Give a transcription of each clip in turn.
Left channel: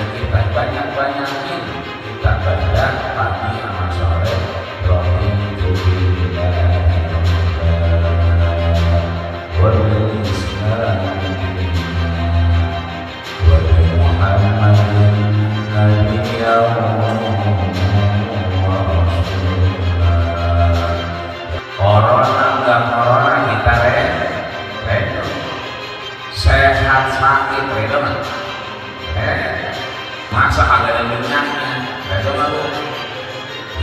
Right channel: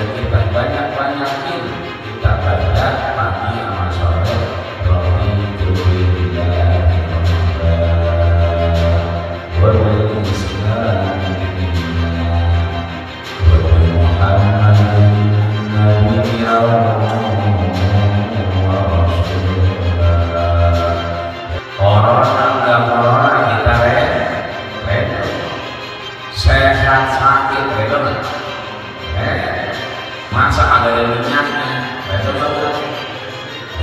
kita banyak-banyakin kita baca kami masalah sehat sakit masa ada dengannya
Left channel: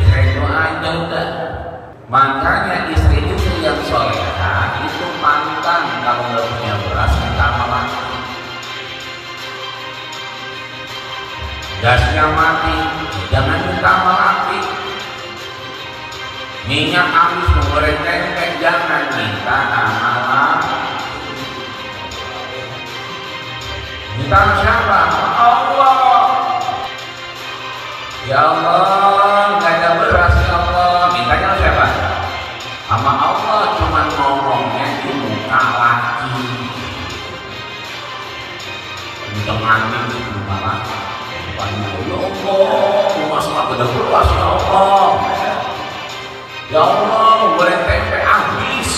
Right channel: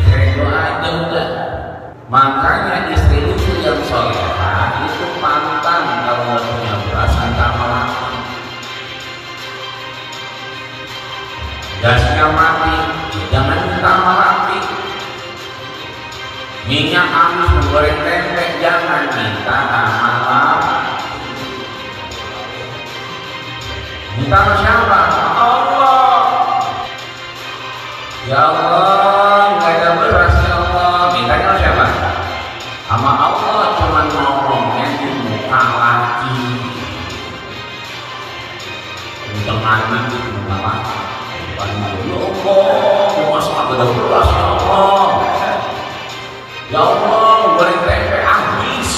itu aja udah. Makanya istri itu yang solehah itu pantang kalau nggak punya perasaan tanpa gasnya mati, jangan minta mati. Minyak habis goreng tempe jangan minta Allah. Minta siapa? Allah. Ya Allah, nggak ada beras ya Allah. Mintanya siapa? Sama Allah, cuma ngomongnya di muka lagi. Minta mana? Minta lagi. Ya Allah, puasa beras ya Allah. Ya Allah, goreng tempe habis.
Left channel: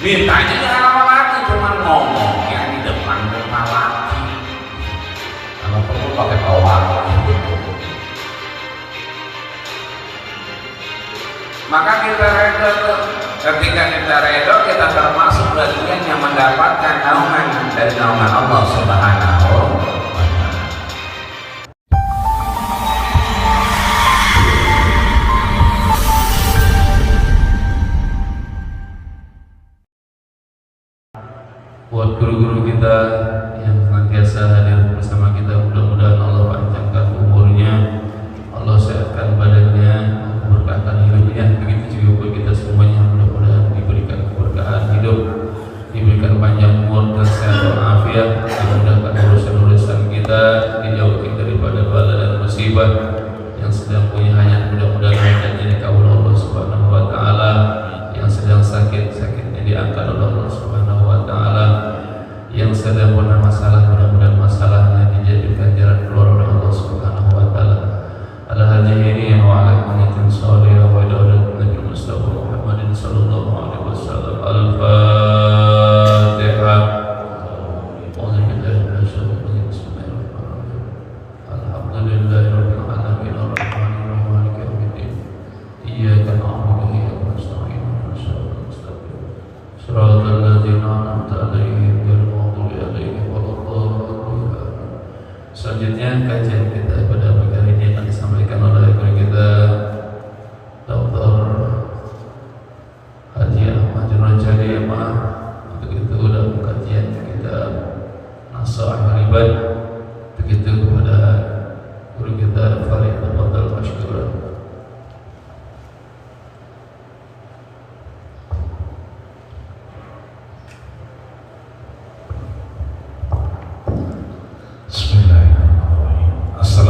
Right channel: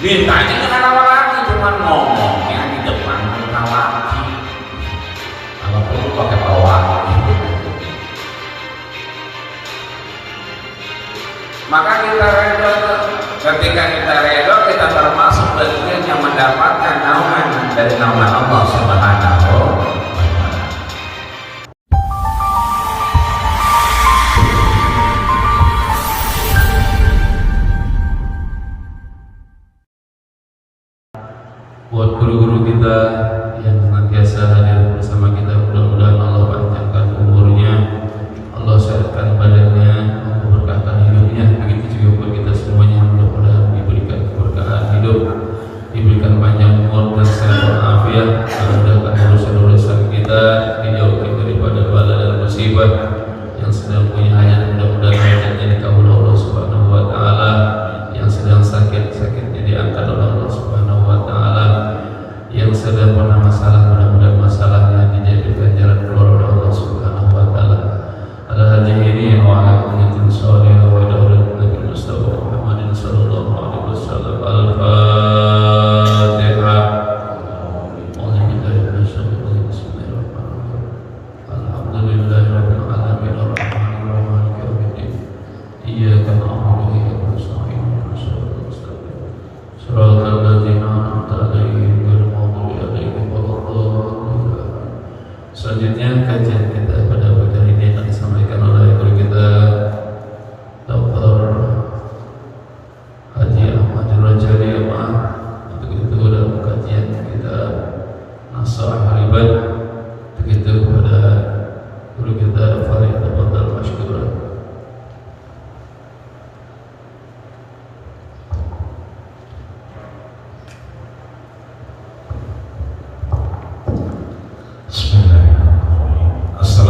Mintanya jangan lagi, cuma ngomongnya di depan muka lagi. Kalau perlu pakai bawah. Maka kita redha, ketika kita redha kita termasuk bagian yang mendapatkan naungan dari nama Allah Subhanahu. Buat guru-guru kita yang senantiasa hadir bersama kita, mudah-mudahan Allah panjangkan umurnya, Allah sehatkan badannya, memberkahkan hidupnya. Begitu juga untuk kita semuanya, mudah-mudahan diberikan keberkahan hidup, diberikan panjang umur dan sehat walafiat, memudahkan urusan-urusan kita, dijauhkan daripada bala dan musibah. Yang sedang punya hajat mudah-mudahan hajatnya dikabulkan Allah Subhanahu wa taala, yang sedang sakit-sakitnya diangkat oleh Allah Subhanahu wa taala, yang sedang bermasalah mudah-mudahan masalahnya dijadikan jalan keluar oleh Allah Subhanahu wa taala. Ala hadirin wa ala ummatin shalihah wa daulat Nabi Mustafa Muhammadin sallallahu alaihi wasallam. Al-Fatihah. Alhamdulillahirabbil alamin arrahmanir rahim maliki yaumiddin. Iyyaka na'budu wa iyyaka nasta'in. Shiratal ladzina an'amta 'alaihim ghairil maghdubi 'alaihim waladdallin. Selanjutnya kajian kita pada pagi hari ini akan disampaikan oleh guru kita Dr. Haji Ahmad Rajali. Untuk itu dalam kajian kita Nasrah Haribat, begitu kepada guru kita Farid Abdul Mashkur. Bismillahirrahmanirrahim. Assalamualaikum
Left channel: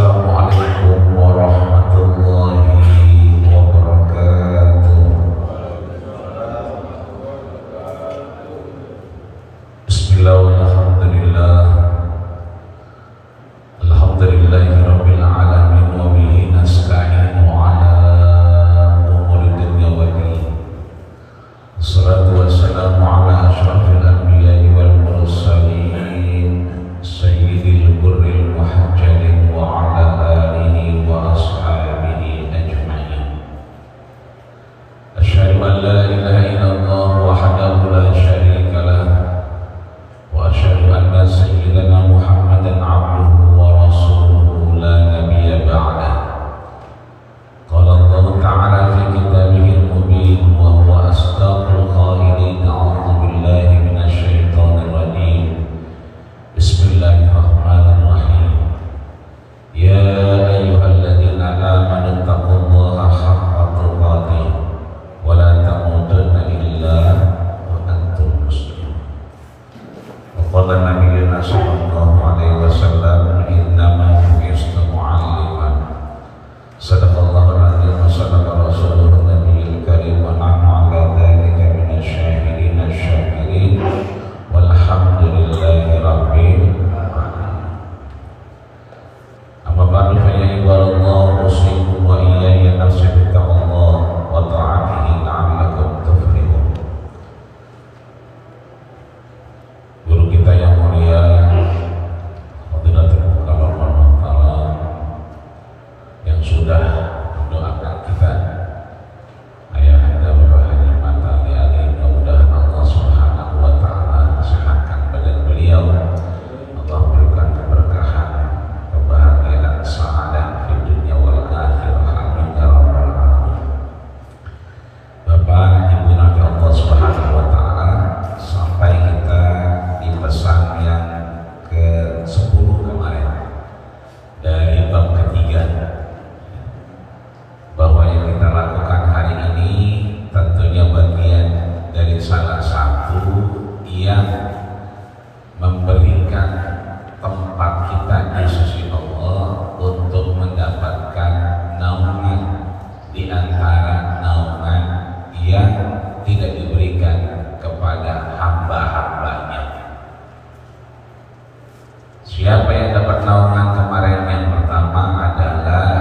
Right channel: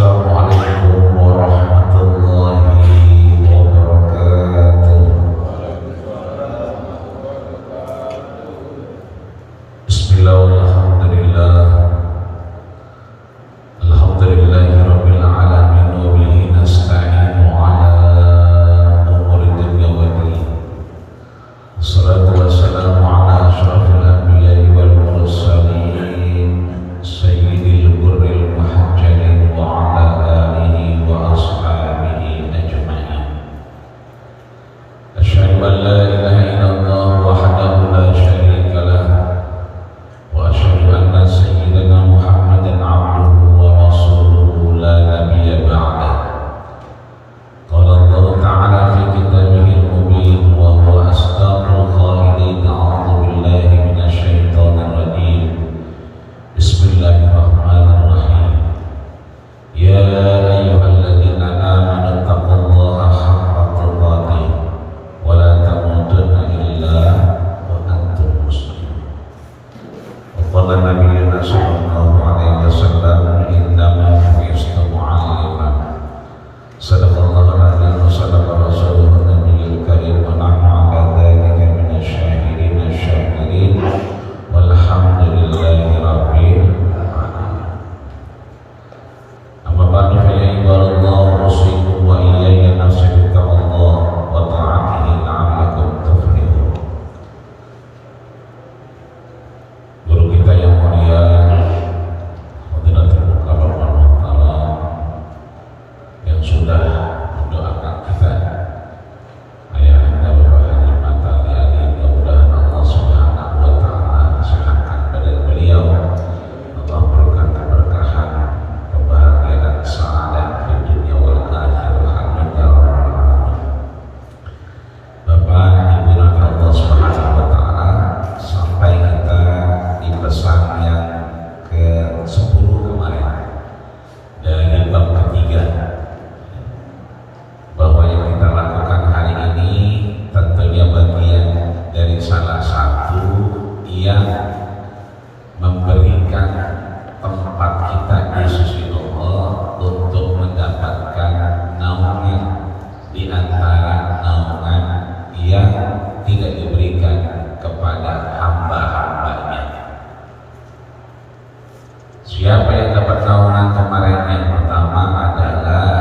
Siapa yang dapat naungan kemarin? Yang pertama adalah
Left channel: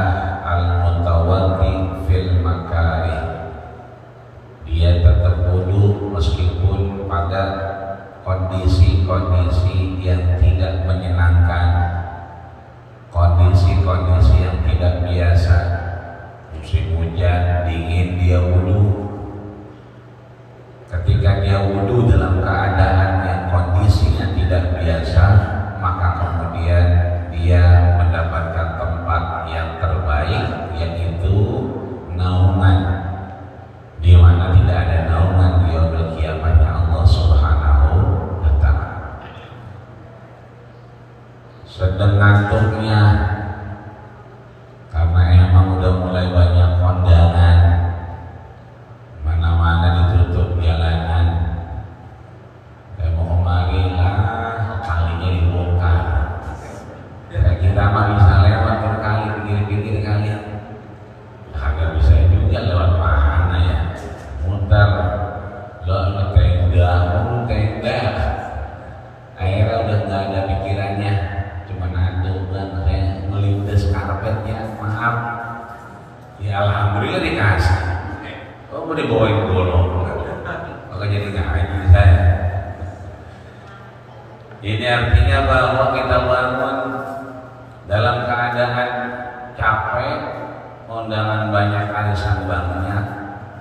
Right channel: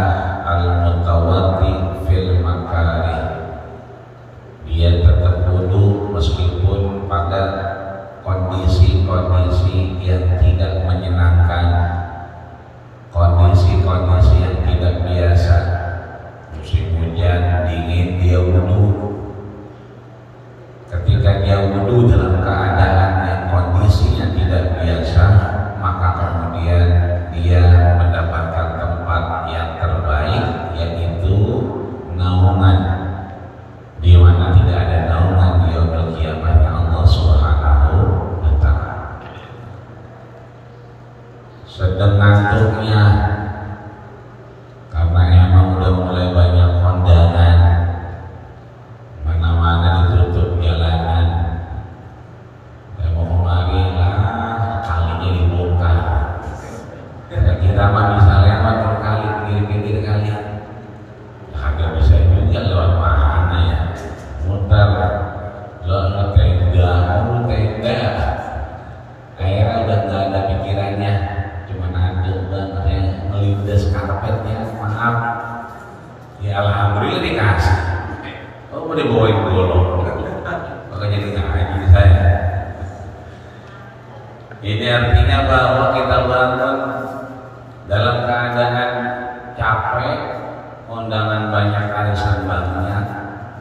al-mutawati fil makari. Dia tetap duduk meskipun pada kondisi-kondisi yang tidak menyenangkan, kondisi-kondisi yang tidak biasa. Musim hujan dingin dia wudu. Ketika dia wudu dalam keadaan yang kondisinya tidak biasa, maka kemudian dia mendapatkan tempat yang terbaik, yaitu naungan, di mana tidak ada naungan di yaumul qiyamah Allah Subhanahu wa ta'ala. Sedang ngantuknya karena emang udah mulai banyak kondangan, mana-mana ditutup jalanan. Saya mau kemari lah, kalinya dibuka. Kira-kira mah bisa lewat berkali, pinggir-pinggir kali. Kagak bisa juga lewat mana ya, muter lo tenda, akhirnya udah nggak ada pikirannya, cuman aduh bang saya melindas karpetnya, maaf ya, alhamdulillah dikasih. Oh mau dibawain golong, maka jadi ngaji saya. Ini artinya bahwa kita bangun dalam keadaan capek, kondangan banyak, arisan banyak.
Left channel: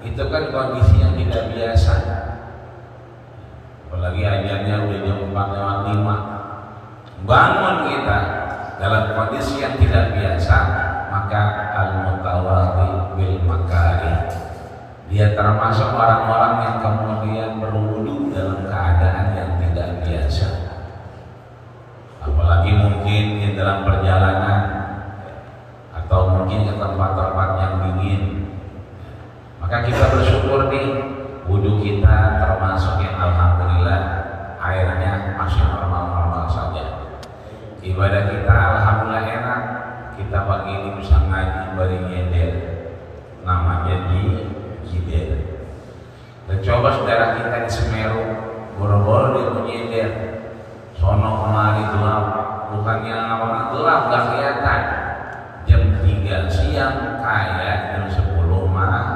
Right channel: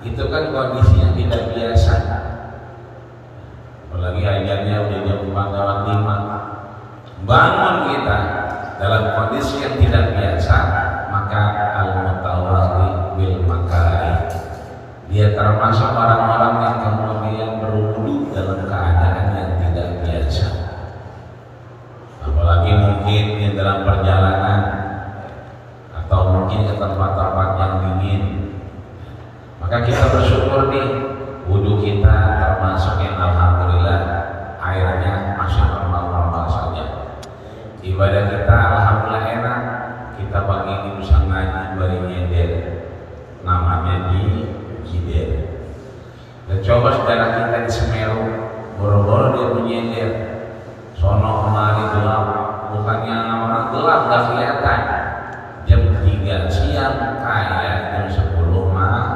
Itu kan kondisi yang tidak biasa. Apalagi ajarnya udah jam 4:05. Bangun kita dalam kondisi yang tidak biasa, maka al-mutawati bil makari. Dia termasuk orang-orang yang kemudian berwudu dalam keadaan yang tidak biasa. Apalagi mungkin yang dalam perjalanan atau mungkin ke tempat-tempat yang dingin, maka kita bersyukur nih, wudu kita termasuk yang alhamdulillah airnya masih normal-normal saja. Ibadah kita alhamdulillah enak. Kita pagi ini bisa ngaji bari nyender, namanya di Jider. Dan coba saudara kita di Semeru, boro-boro dia nyender, sono kemari gelap, bukannya orang gelap gak kelihatan. Jam 3 siang kayak jam 10 malam.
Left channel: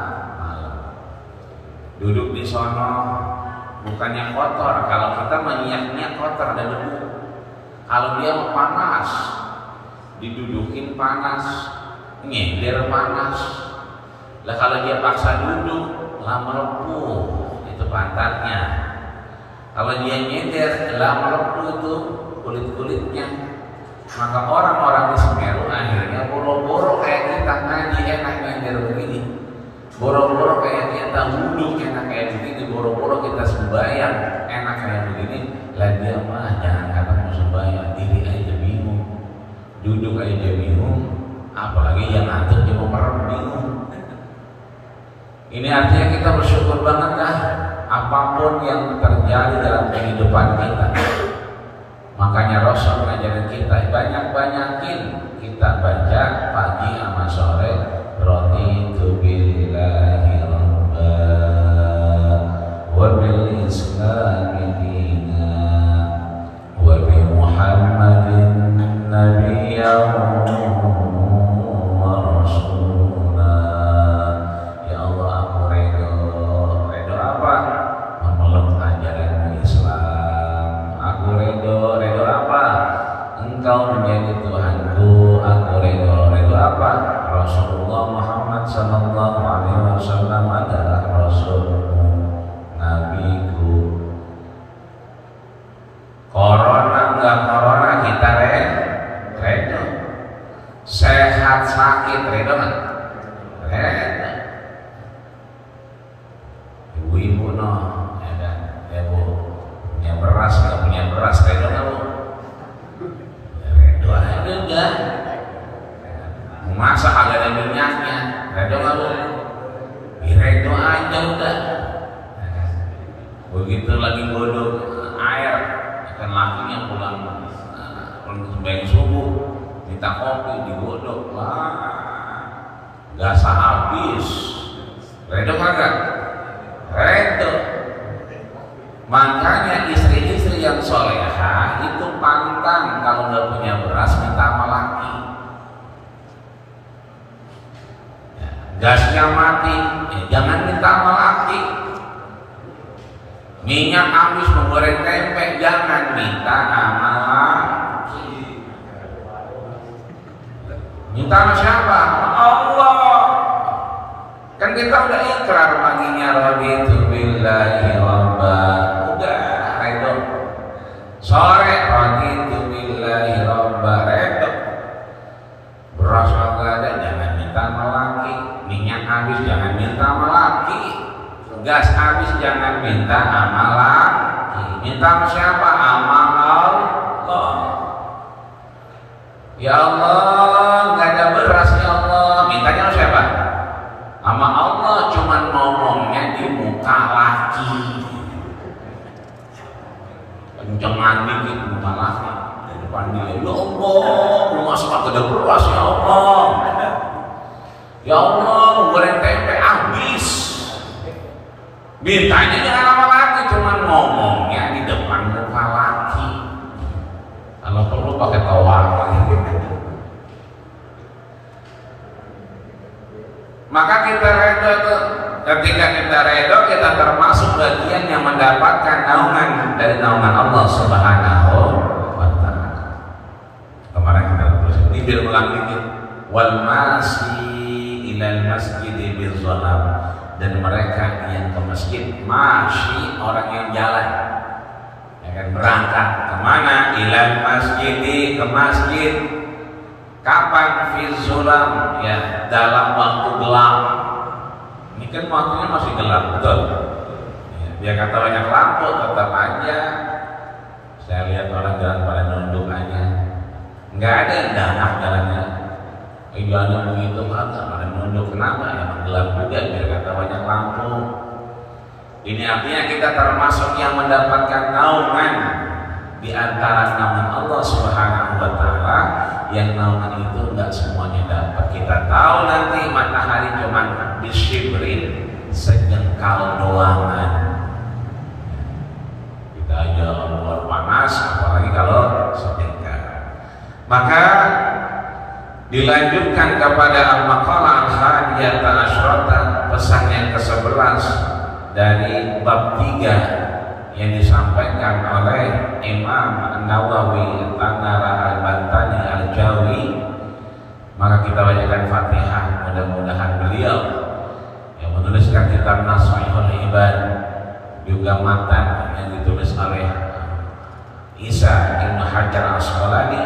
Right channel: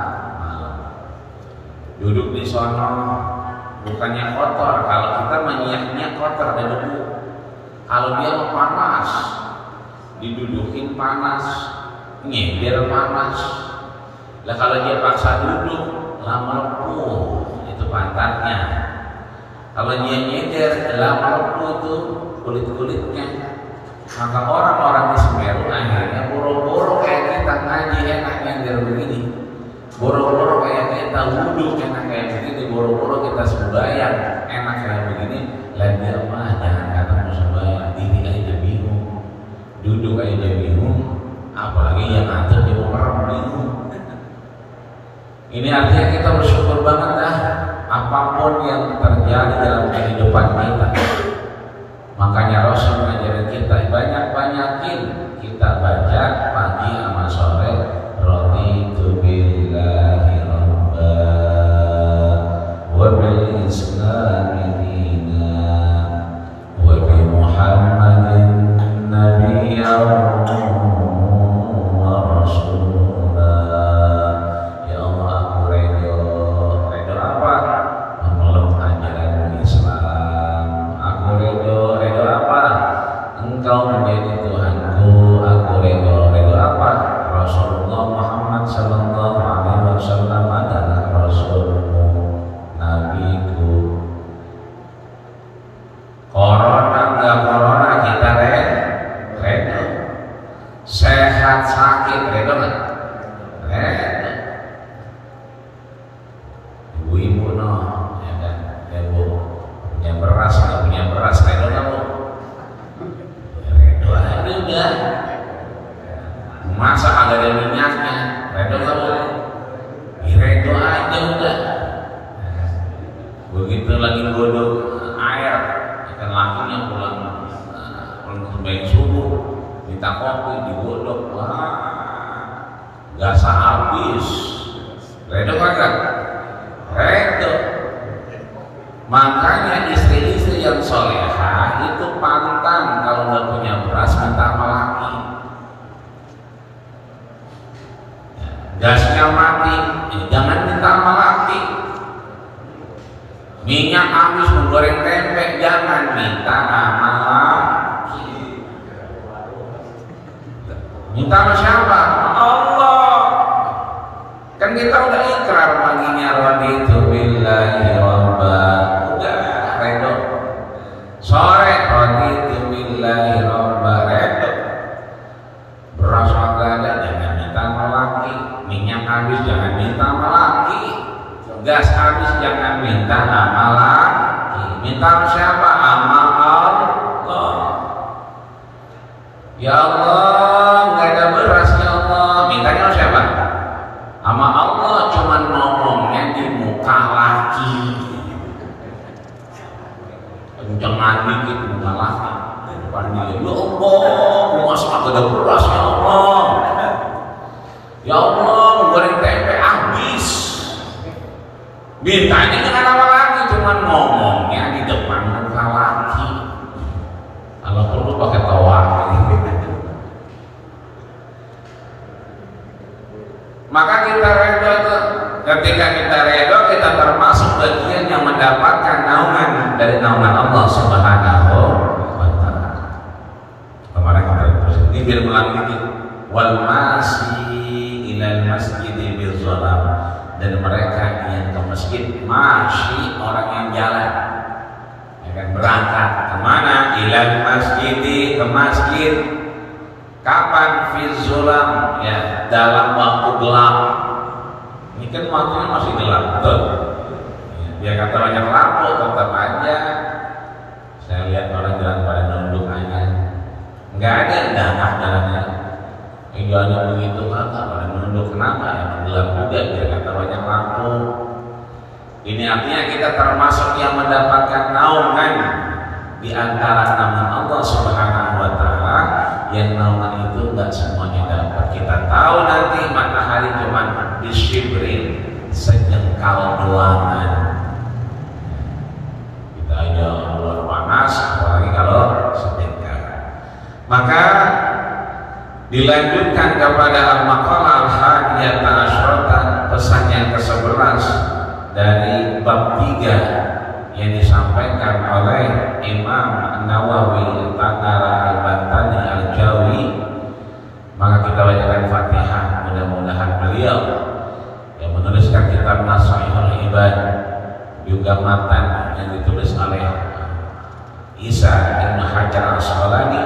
Duduk di sono bukannya kotor, kalau kita menyiak-nyiak kotor dan debu. Kalau dia mah panas, didudukin panas, nyender panas. Lah kalau dia paksa duduk, lah melepuh itu pantatnya. Kalau dia nyender, lah melepuh itu kulit-kulitnya. Maka orang-orang di Semeru akhirnya boro-boro kayak kita ngaji enak nyender begini, boro-boro kayak kita wudu enak kayak begini, boro-boro kita sembahyang enak kayak begini. Lah dia mah jangan kata mau sembahyang, diri aja bingung, duduk aja bingung, apalagi yang ngatur dia mau merem bingung. Ini artinya kita bersyukur banget dah, apapun yang terjadi dalam kehidupan kita. Makanya Rasul mengajarin kita banyak-banyakin kita baca pagi sama sore, raditu billahi rabba wa bil islami dina wa bi Muhammadin nabiyyan wa rasula. Ya Allah, aku redo apa? Memeluk ajaran Islam. Aku redo apa? Engkau menjadi Tuhanku. Aku redo apa? Rasulullah Muhammad sallallahu alaihi wasallam adalah Rasulku, Nabiku. Corona enggak corona kita redo. Sehat sakit redo enggak? Redo. Ibu-ibu no, ya kan, ya bu, punya beras redo nggak bu? Redo aja udah. Masak agak ada minyaknya, redo nggak bu? Redo aja udah. Begitu lagi godok air, akan lakinya pulang sembahyang subuh, minta kopi digodok, wah, gak sehabis. Redo kagak? Redo. Makanya istri-istri yang soleha itu pantang kalau nggak minyak habis menggoreng tempe, jangan minta amal lagi. Minta sama siapa? Allah. Kan kita udah ikrar paginya raditu billahi rabba. Udah redho. Sore raditu billahi rabba, redho. Beras agak ada, jangan minta sama laki. Minyak habis, jangan minta sama laki. Gas habis, jangan minta sama laki. Minta sama siapa? Amal Allah. Ya Allah, nggak ada beras ya Allah. Mintanya sama siapa? Sama Allah, cuman ngomongnya di muka laki. Kencengan dikit muka laki. Di depan dia, ya Allah, masa agak ada beras ya Allah. Ya Allah, goreng tempe habis. Mintanya jangan sama laki, cuman ngomongnya di depan muka laki. Kalau perlu pakai tawar. Maka kita redho itu. Ketika kita redho, kita termasuk bagian yang mendapatkan naungan dari naungan Allah Subhanahu wa Ta'ala. Kemarin kita ini biar ulang dikit. Wal masyi ilal masjid bil zalam, dan mereka yang ke masjid, masyi orang yang jalan, ya kan, berangkat kemana? Ilal masjid, ke masjid. Kapan? Fi zulam, ya dalam waktu gelap. Ini kan waktunya masih gelap, betul. Ya, biar kata banyak lampu, tetap aja. Saya lihat orang jalan pada nunduk aja. Nggak ada danah jalannya. Jalannya begitu kata pada nunduk, kenapa? Ya gelap juga, biar kata banyak lampu. Ini artinya kita termasuk yang mendapatkan naungan di antara nama Allah Subhanahu wa Ta'ala, yang naungan itu enggak semuanya dapat. Kita tahu nanti matahari cuma disibrin, sejengkal doangan. Kita aja luar panas, apalagi kalau sejengkal. Maka dilanjutkan kepada al-maqalah al-hadiyata asyarata, pesan yang ke-11 dari bab 3 yang disampaikan oleh Imam Nawawi Tanara Al-Bantani Al-Jawi. Maka kita bacakan Fatihah, mudah-mudahan beliau yang menuliskan kitab Nashihul Ibad, juga matan yang ditulis oleh Isa Ibn Hajar Al-Asqalani,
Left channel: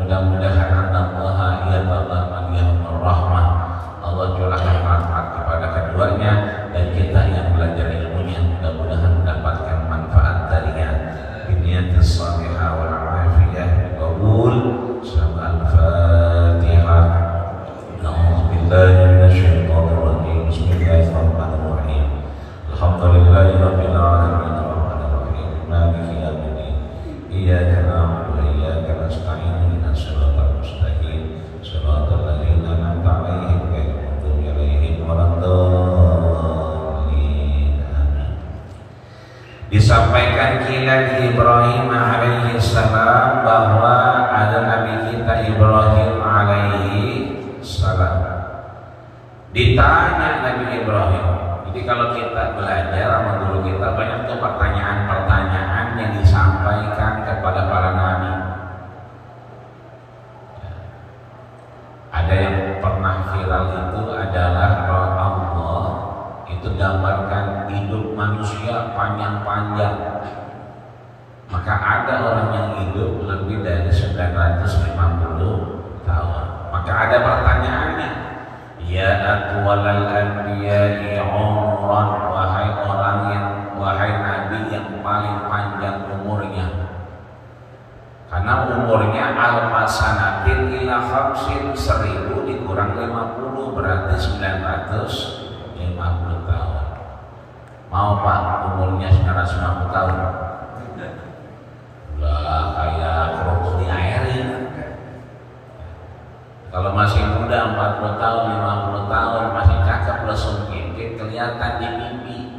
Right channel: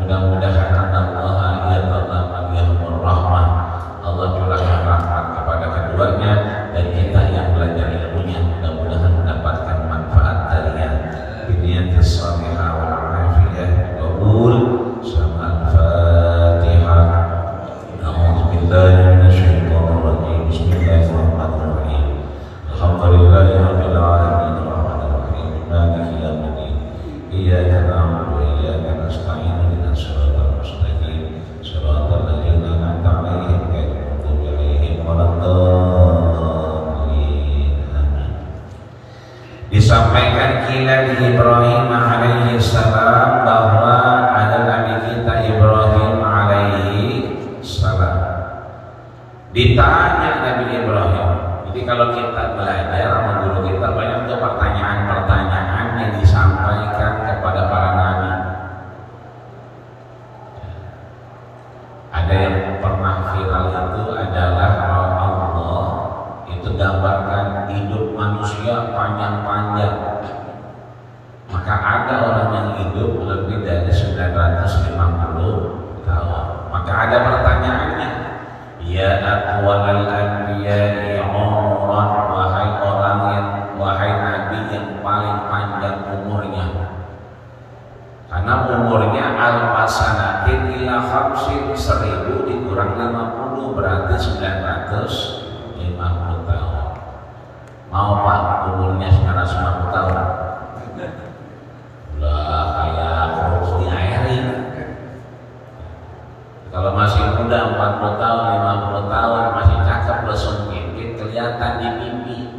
mudah-mudahan Allah yatadamman rahmah, Allah curahkan rahmat kepada keduanya, dan kita yang belajar ilmunya mudah-mudahan mendapatkan manfaat darinya. Biniyatis salihah wa afiyah qabul. Al-Fatihah. A'udzubillahi minasyaitonir rajim. Bismillahirrahmanirrahim. Alhamdulillahirabbil alamin. Arrahmanirrahim. Maliki yaumiddin. Iyyaka na'budu wa iyyaka nasta'in. Ihdinas siratal mustaqim. Siratal ladzina an'amta 'alaihim ghairil maghdubi 'alaihim waladdallin. Amin. Disampaikan kila di Ibrahim alaihi salam bahwa ada Nabi kita Ibrahim alaihi salam. Ditanya Nabi Ibrahim. Jadi kalau kita belajar sama guru kita, banyak tuh pertanyaan-pertanyaan yang disampaikan kepada para nabi. Ada yang pernah viral itu adalah Allah itu gambarkan hidup manusia panjang-panjang. Maka ada orang yang hidup lebih dari 950 tahun. Maka ada pertanyaannya, ya atwalal anbiya'i umran, wahai nabi yang paling panjang umurnya. Karena umurnya al-fasanatin ila khamsin, 1000 dikurang 50 berarti 950 tahun. Mau Pak umurnya 950 tahun? Lah kayak harus diairin. Kalau masih muda 40 tahun, 50 tahun masih cakep, lesung pimpin kelihatan di pipi.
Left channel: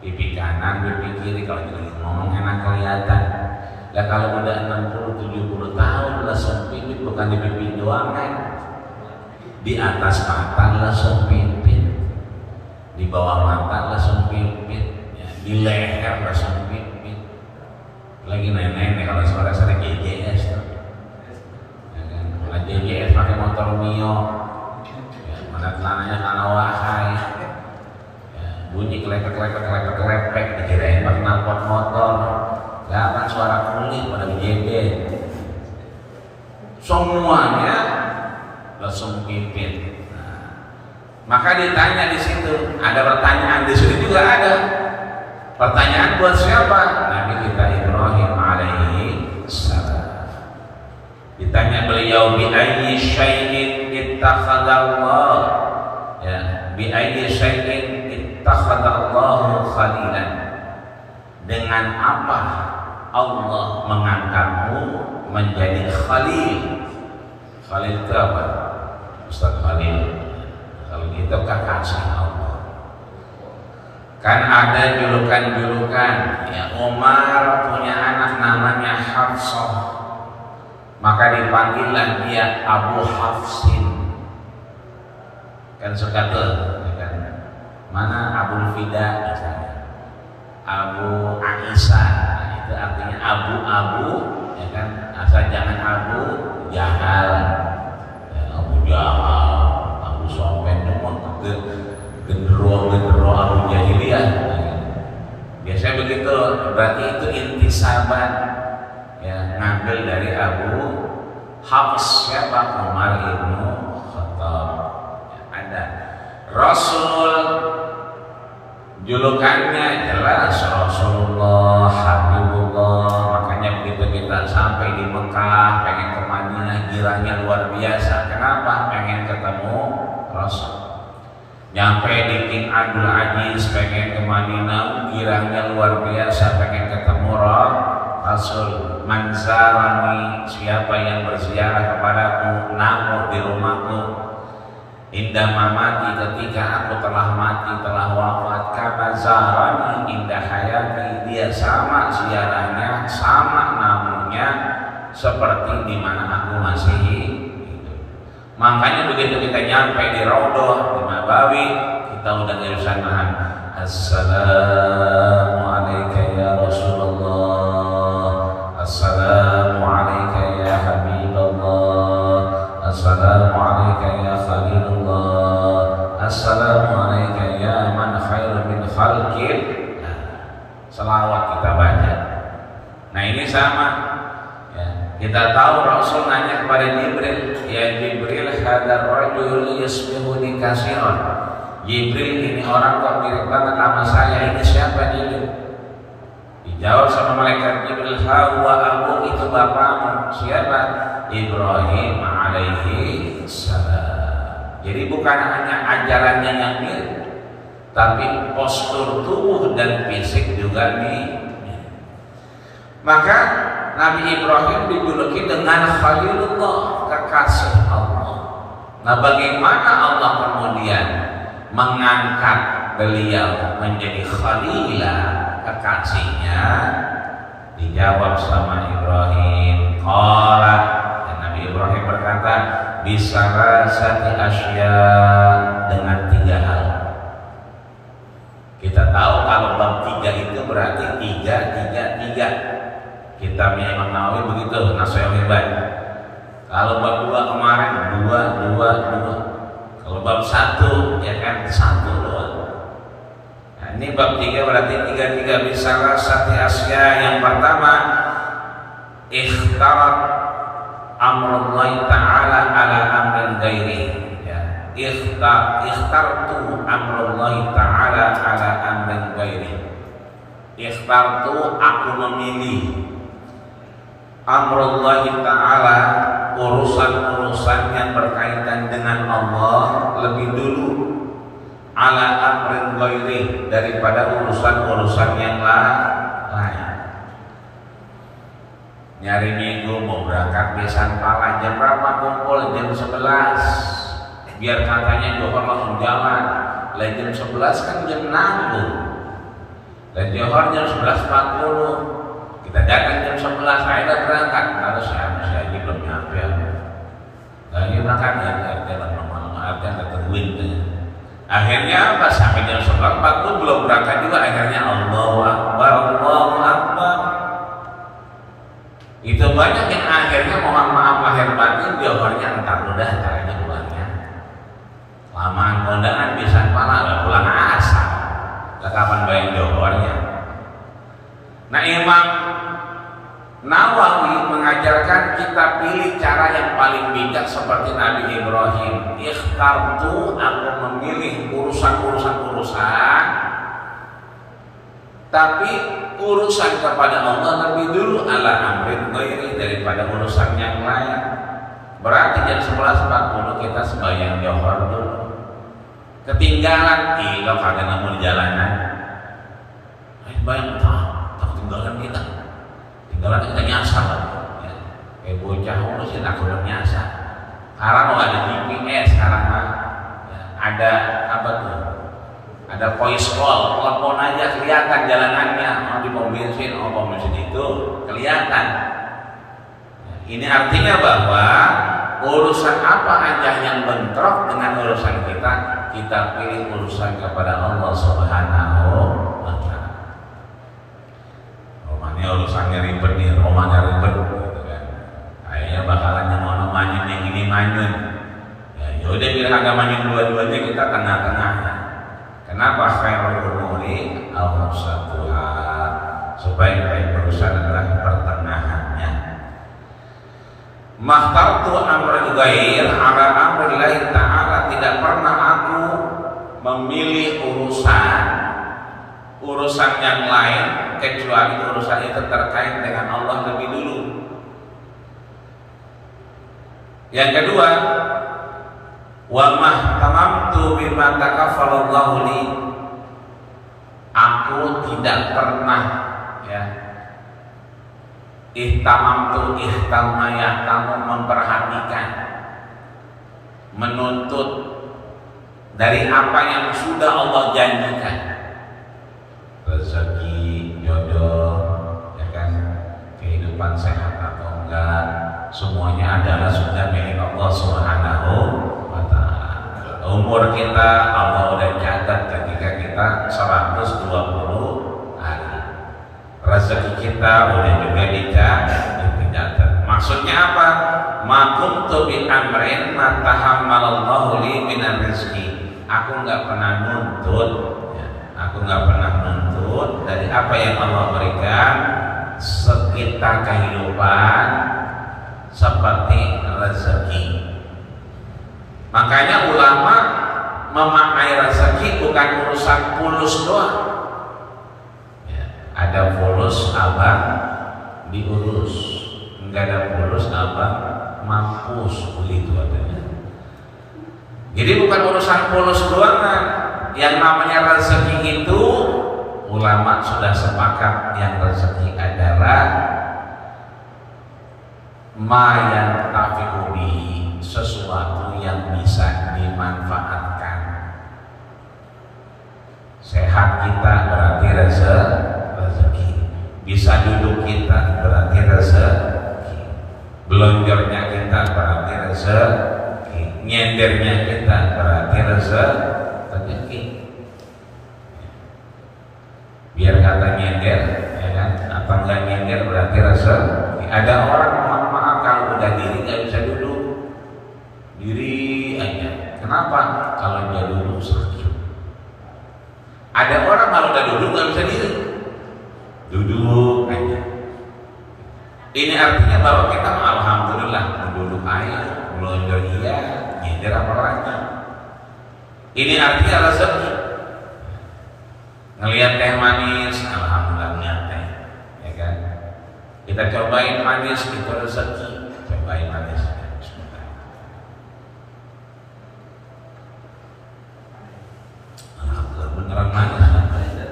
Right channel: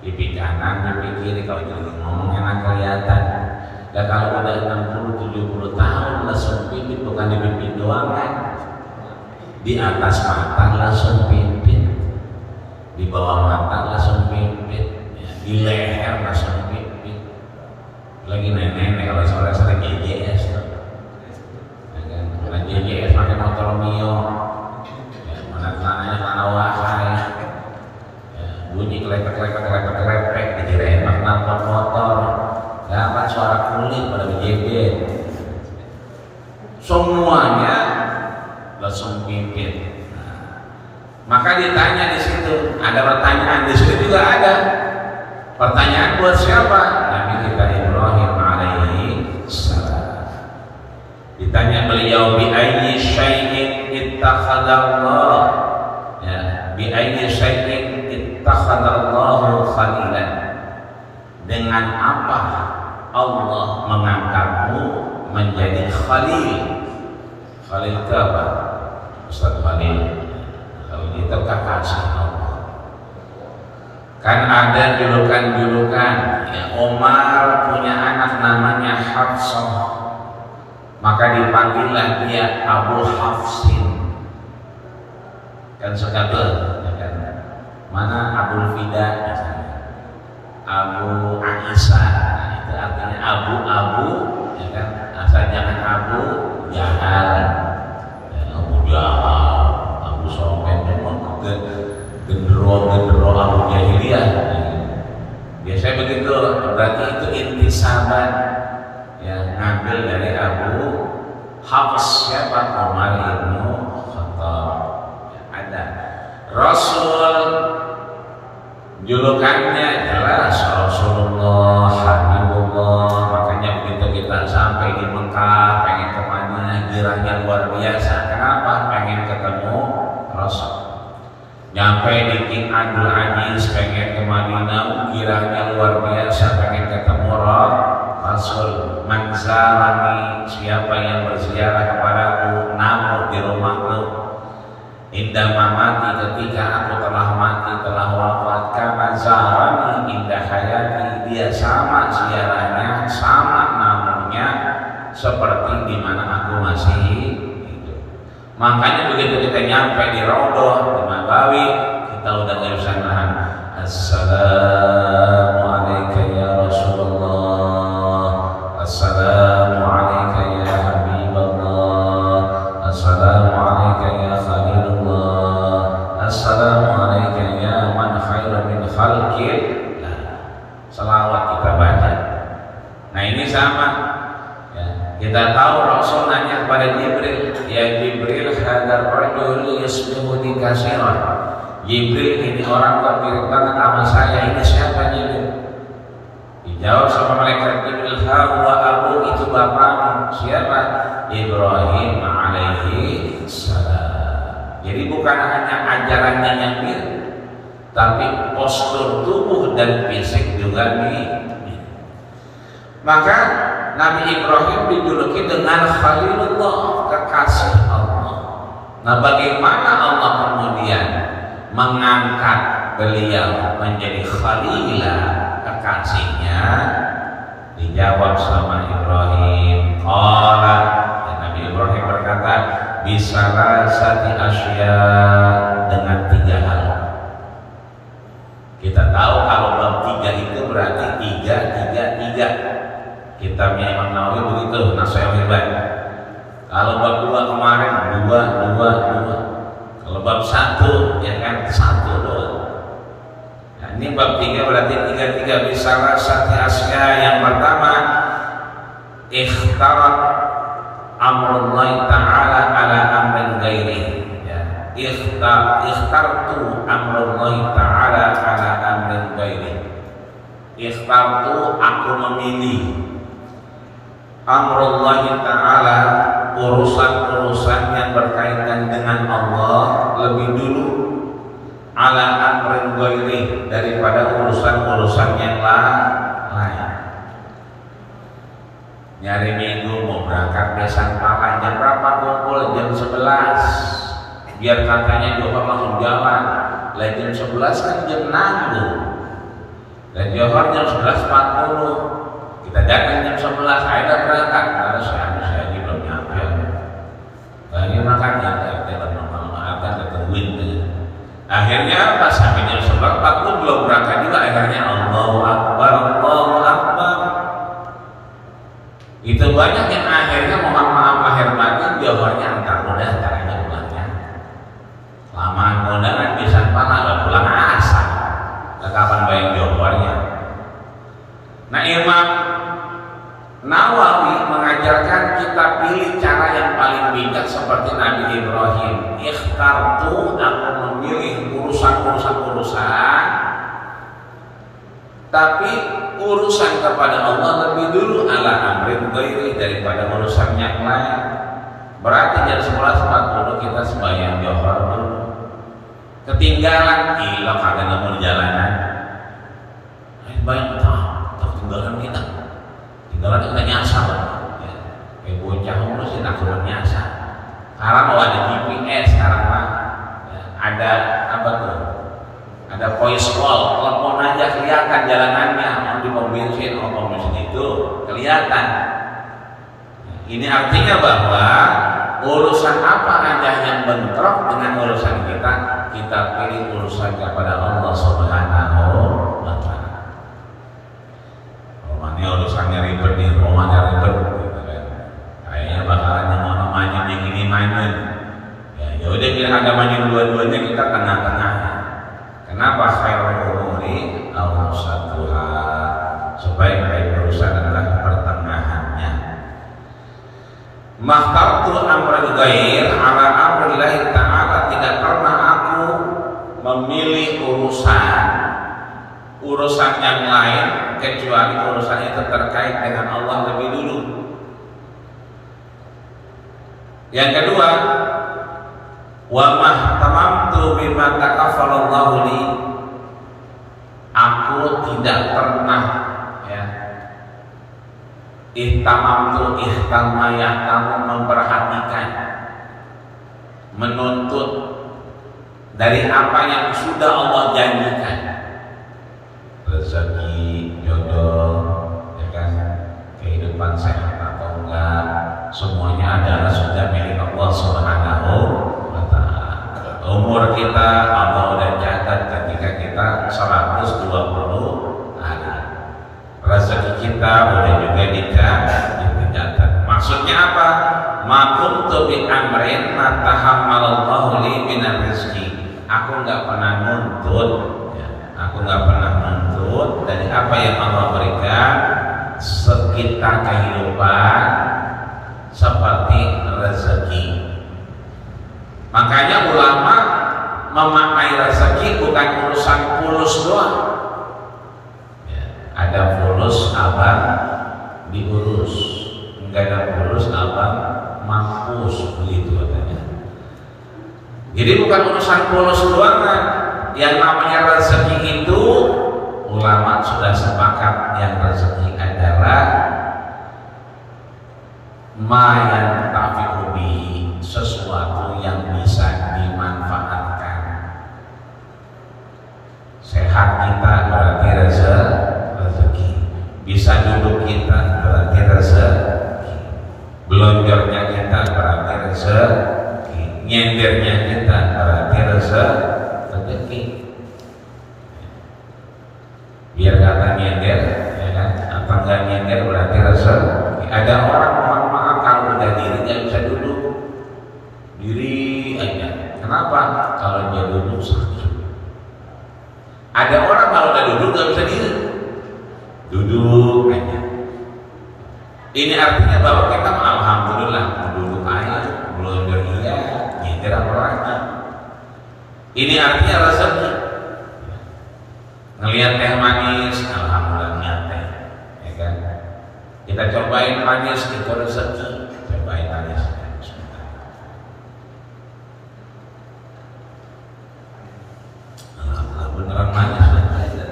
Pipi kanan, pipi kiri, kalau jadi ngomong enak kelihatan. Lah kalau udah 60-70 tahun lesung pimpin bukan di pipi doang kan? Di atas mata lesung pimpin, di bawah mata lesung pimpin. di leher rasanya pipit. Lagi nenek kalau sore-sore JJS, karena JJS pakai motor Mio, ya, mana tanahnya tanah wahai, ya, bunyi klepek dikirain knalpot motor, dapat suara kulit pada BJB, semuanya langsung pipit. Maka ditanya di situ, ada pertanyaan di situ juga ada. Pertanyaan buat siapa? Nabi kita Ibrahim alaihi salam. Ditanya beliau bi ayyi syai'in ittakhadallah. Ya, bi ayyi syai'in ittakhadallahu khalilan. Dengan apa Allah mengangkatmu menjadi khalil? Khalil itu apa? Ustaz Khalil. Itu kekasih Allah. Kan ada julukan-julukan, ya, Umar punya anak namanya Hafsah, maka dipanggillah dia Abu Hafsin. Kan suka tuh, ya kan? Mana Abu Fida misalnya, Abu Aisyah, nah, itu artinya abu-abu, ya kan? Asal jangan abu jahal, ya, abu jahal, abu sopen, gendero Abu Jahiliyah. Biasanya begitu, berarti itu intisaban, ya, ngambil dari Abu Hafs siapa? Umar ibnu Khattab. Ya, ada Rasul, julukannya jelas Rasulullah, Habibullah. Makanya begitu kita sampai di Mekah, pengen ke Madinah, girangnya luar biasa. Kenapa? Pengen ketemu Rasul. Nyampe di King Abdul Aziz, pengen ke Madinah, girangnya luar biasa, pengen ketemu Rasul. Manzarani, siapa yang berziarah kepadaku, namu di rumahku. Indah mamati, ketika aku telah mati, telah wafat. Kama zarani indah hayati, dia sama ziarahnya, sama namunya seperti di mana aku masih hidup. Makanya begitu kita nyampe di Raudhah di Nabawi, kita udah gak bisa nahan. Assalamu alayka ya Rasulullah, assalamu alayka ya Habibullah, assalamu alayka ya Khalilullah, assalamu alayka ya man khairu min khalqin. Selawat kita baca. Nah ini sama. Kita tahu Rasul nanya kepada Jibril, ya Jibril, hadar rajul yusbihu dikasiran. Jibril, ini orang kok mirip banget sama saya, ini siapa Jibril? Dijawab sama malaikat Jibril, huwa abu, itu bapakmu. Siapa? Ibrahim alaihi salam. Jadi bukan hanya ajarannya yang mirip, tapi postur tubuh dan fisik juga mirip. Maka Nabi Ibrahim dijuluki dengan Khalilullah, kekasih Allah. Nah, bagaimana Allah kemudian mengangkat beliau menjadi Khalilah, kekasihnya? Dijawab sama Ibrahim. Qala, dan Nabi Ibrahim berkata, bisalasati asya, dengan 3 hal. Kita tahu kalau bab 3 itu berarti 3. Kitabnya Imam Nawawi begitu, Nasihatul Ibad. Kalau bab 2 kemarin 2. Kalau bab 1 ya kan 1. Nah, ini bab 3 berarti 3 bisalah sati asya. Yang pertama, ikhtarat amrullahi ta'ala ala amrin ghairi. Ya, ikhtartu amrullahi ta'ala ala amrin ghairi. Ikhtartu, aku memilih amrullahi ta'ala, urusan-urusan yang berkaitan dengan Allah lebih dulu, ala amrin ghairi, daripada urusan-urusan yang lain. Nyari minggu mau berangkat besan pala, jam berapa kumpul? Jam 11, biar katanya Johor langsung jalan. Lah jam 11 kan jam nanggung, dan Johor jam 11.40. Kita datang jam 11, saya udah berangkat. Harus saya belum nyampe. Kayaknya makanya ada tungguin tuh. Akhirnya pas sampai jam 11.40 belum berangkat juga, akhirnya Allahu Akbar, Allahu Akbar. Itu banyak yang akhirnya mohon maaf lahir batin jawabannya antar udah caranya pulangnya. Lama kondangan bisa pala pulang asal. Kapan bayar jawabannya? Nah, Imam Nawawi mengajarkan kita pilih cara yang paling bijak seperti Nabi Ibrahim. Ikhtartu, aku memilih urusan, tapi urusan kepada Allah lebih dulu ala amrin ghairi daripada urusan yang lain. Berarti jam 11.40 kita sembahyang johor dulu. Ketinggalan, ilok kagak nemu di jalanan. Bayang tinggalan kita. Tinggalan kita nyasar dong. Kayak bocah urus nak suruh nyasar. Sekarang mau ada GPS sekarang mah. Ada apa tuh? Ada voice call, telepon aja kelihatan jalanannya. Di pom bensin itu kelihatan. Ini artinya bahwa urusan apa aja yang bentrok dengan urusan kita pilih urusan kepada Allah Subhanahu wa Ta'ala. Romanya urusannya ribet nih, romanya ribet gitu kan. Kayaknya bakalan yang mau manyun yang ini manyun. Ya udah bilang agamanya dua-duanya kita tengah-tengah. Kenapa khairul umuri awsatuha? Sebaik-baik urusan adalah pertengahannya. Makhtartu amrul ghair ala amrillahi ta'ala, tidak pernah aku memilih urusan yang lain kecuali urusan itu terkait dengan Allah lebih dulu. Yang kedua, wa mahtamamtu bima takaffalallahu li, aku tidak pernah ihtamamtu memperhatikan, menuntut dari apa yang sudah Allah janjikan, rezeki, jodoh, ya kan, kehidupan sehat atau enggak, semuanya adalah sudah milik Allah Subhanahu wa Ta'ala. Umur kita Allah udah catat ketika kita 120 hari. Rezeki kita udah juga dicatat. Maksudnya apa? Ma kuntu bi amrin ma tahammalallahu li minar rizqi. Aku enggak pernah nuntut, dari apa yang Allah berikan sekitar kehidupan seperti rezeki. Makanya ulama memaknai rezeki bukan urusan fulus doang. Ada fulus abang diurus, enggak ada fulus abang mampus, begitu adanya. Jadi bukan urusan fulus doang. Yang namanya rezeki itu ulama sudah sepakat, yang rezeki adalah ma yang tafi'u bi, sesuatu yang bisa dimanfaatkan. Sehat kita berarti rezeki, bisa duduk kita berarti rezeki, belonjornya kita berarti rezeki, nyendernya kita berarti rezeki. Biar kata nyender, ya kan? Apa enggak nyender berarti rezeki. Ada orang maaf kalau udah diri nggak bisa duduk, diri aja. Kenapa? Kalau dia duduk sakit. Ada orang kalau udah duduk nggak bisa diri, duduk aja. Ini artinya bahwa kita alhamdulillah duduk aja, melonjor iya, nyender apa lagi. Ini artinya rezeki. Ngelihat teh manis, alhamdulillah ngeliat teh, ya kan? Kita cobain manis, itu rezeki. Cobain manis. Beneran manis ya?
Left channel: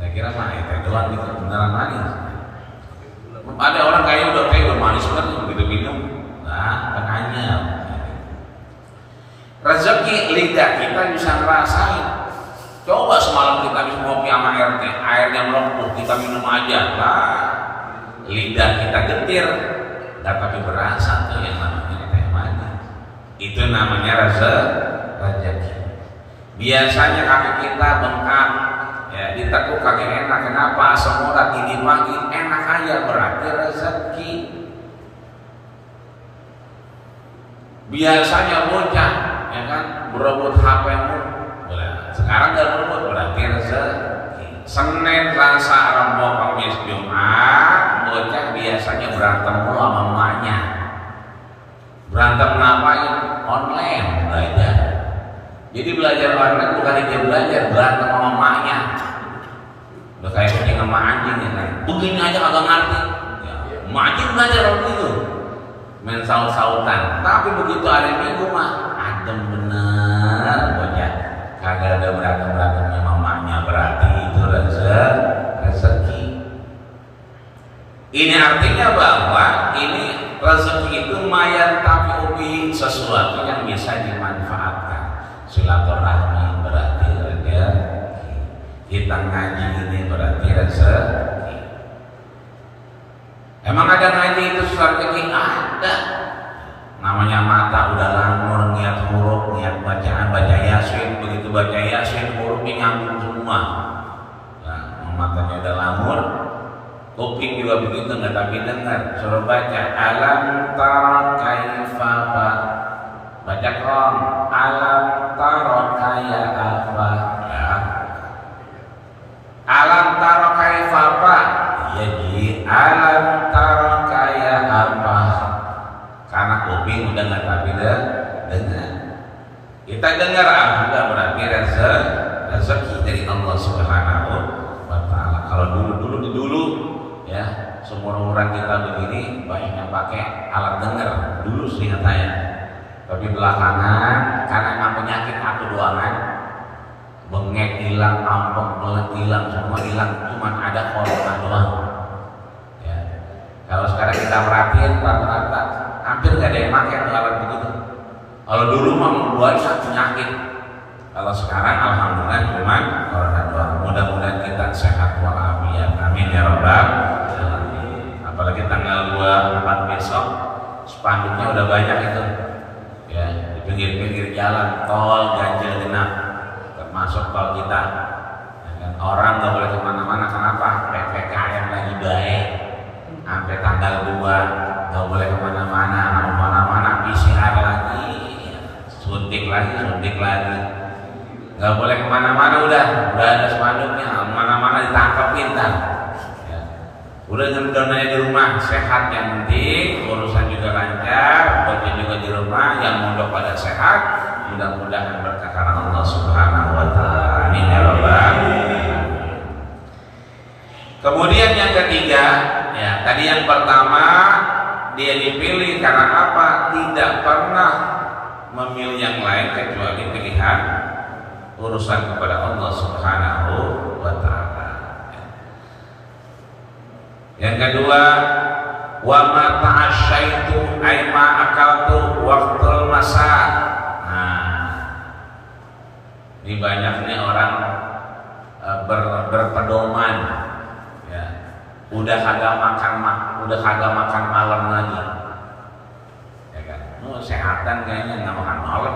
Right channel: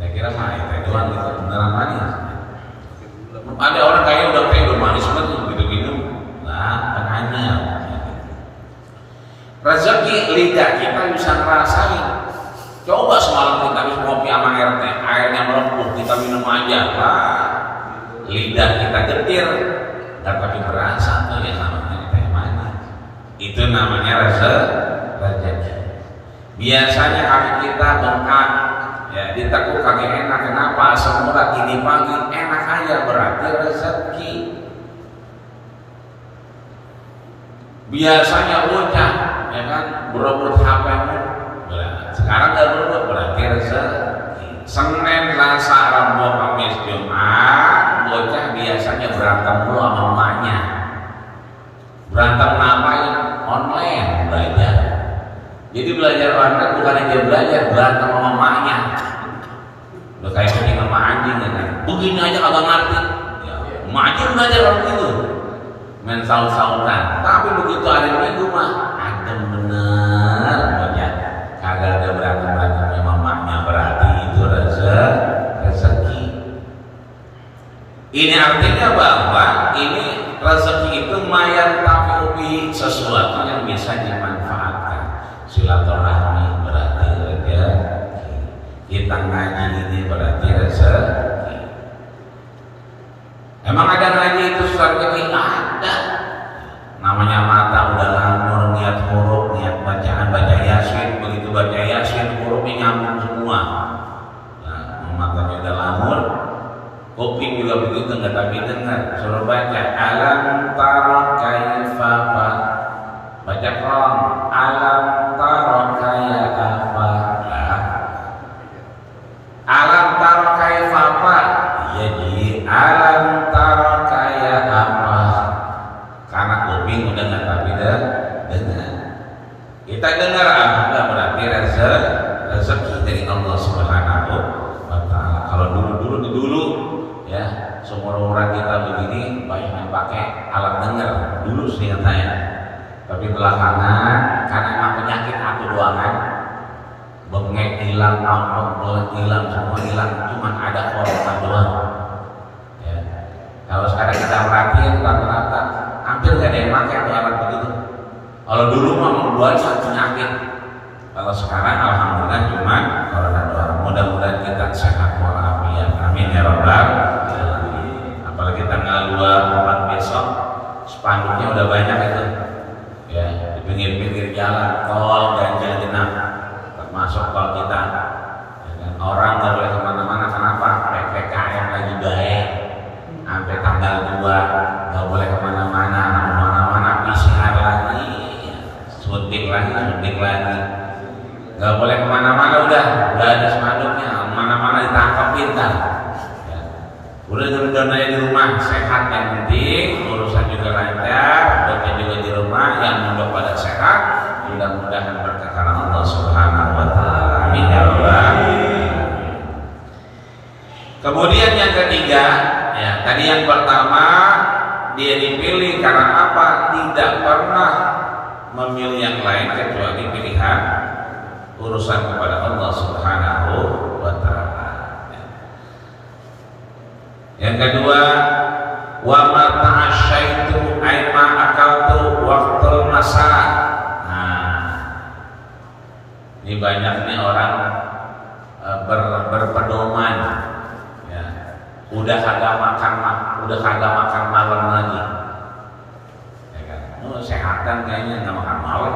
Saya kira mah teh doang gitu, beneran manis. Ada orang kayaknya udah teh udah manis banget begitu minum, nah makanya rezeki lidah kita bisa ngerasain. Coba semalam kita habis ngopi sama air teh, airnya melempur, kita minum aja, lah lidah kita getir, dan tapi berasa tuh yang namanya teh manis. Itu namanya rezeki. Biasanya kaki kita bengkak, ya ditekuk kaki enak. Kenapa? Asam urat ini pagi enak aja, berarti rezeki. Biasanya bocah, ya kan, berebut HP-mu, sekarang nggak berebut, berarti rezeki. Senin, Selasa, Rabu, Kamis, Jumat, bocah biasanya berantem dulu sama emaknya. Berantem ngapain? Online belajar. Jadi belajar online bukan dia belajar, berantem sama emaknya. Udah kayak kucing sama anjing ya kan. Begini aja kagak ngerti. Emak aja belajar waktu itu. Main saut-sautan. Tapi begitu hari Minggu mah adem bener bocah. Kagak ada berantem-berantem sama emaknya, berarti itu rezeki. Ini artinya bahwa ini rezeki itu mayan tapi sesuatu yang bisa dimanfaatkan. Silaturahmi berarti rezeki. Kita ngaji ini berarti rezeki. Emang ada ngaji itu susah rezeki? Ada. Namanya mata udah nganggur, niat huruf, niat bacaan, baca yasin. Begitu baca yasin, hurufnya nyambung semua. Nah, matanya udah langur, kuping juga begitu, nggak tapi dengar. Suruh baca alam taro kaifa, baca kong alam taro kaya apa, alam taro kaifa apa, ya ji alam taro kaya apa. Karena kuping udah nggak tapi dengar. Kita dengar alhamdulillah, berarti rezeki dari Allah Subhanahu wa Ta'ala. Kalau dulu ya, seumur-umuran kita begini banyak yang pakai alat dengar dulu sih katanya. Tapi belakangan karena emang penyakit atu doangan, bengek hilang, ampek hilang, semua hilang, cuman ada corona doang. Ya. Kalau sekarang kita perhatiin rata-rata hampir nggak ada yang pakai alat begitu. Kalau dulu mah membuat penyakit. Kalau sekarang alhamdulillah cuman corona doang. Mudah-mudahan kita sehat walafiat. Amin ya rabbal alamin. Apalagi tanggal 24 besok spanduknya udah banyak itu. Ya, di pinggir-pinggir jalan, tol ganjil genap, termasuk tol kita. Ya kan? Orang nggak boleh kemana-mana. Kenapa? PPKM lagi baik. Sampai tanggal 2 nggak boleh kemana-mana. PCR lagi, suntik lagi. Nggak boleh kemana-mana, udah ada spanduknya, mana-mana ditangkapin kan. Ya. Udah nontonnya di rumah sehat yang penting, urusan juga lancar, bagian juga di rumah, yang mondok pada sehat, mudah-mudahan berkah karena Allah Subhanahu wa Ta'ala. Amin ya rabbal alamin. Kemudian yang ketiga, ya tadi yang pertama dia dipilih karena apa? Tidak pernah memilih yang lain kecuali pilihan urusan kepada Allah Subhanahu wa Ta'ala. Yang kedua, wa ma ta'asyaitu ay ma akaltu waqtul masa. Nah, ini banyak nih orang berpedoman, ya. Udah kagak makan malam lagi, ya kan? Sehatan kayaknya nggak makan malam.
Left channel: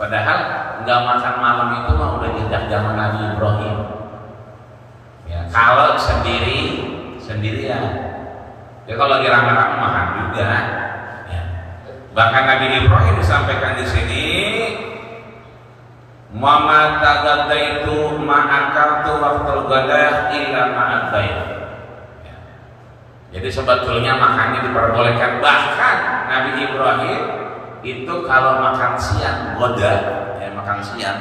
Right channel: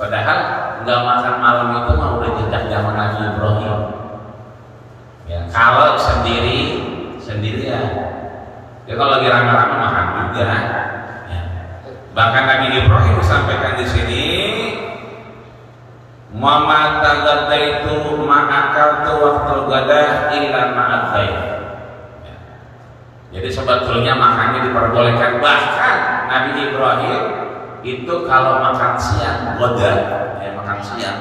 Padahal nggak makan malam itu mah udah jejak zaman Nabi Ibrahim. Ya, kalau sendirian. Ya kalau lagi rame-rame makan juga. Ya. Bahkan Nabi Ibrahim disampaikan di sini, Muhammad tagadaitu ma'akaltu waqtul gada illa ma'adzaitu. Ya. Jadi sebetulnya makannya diperbolehkan. Bahkan Nabi Ibrahim itu kalau makan siang, makan siang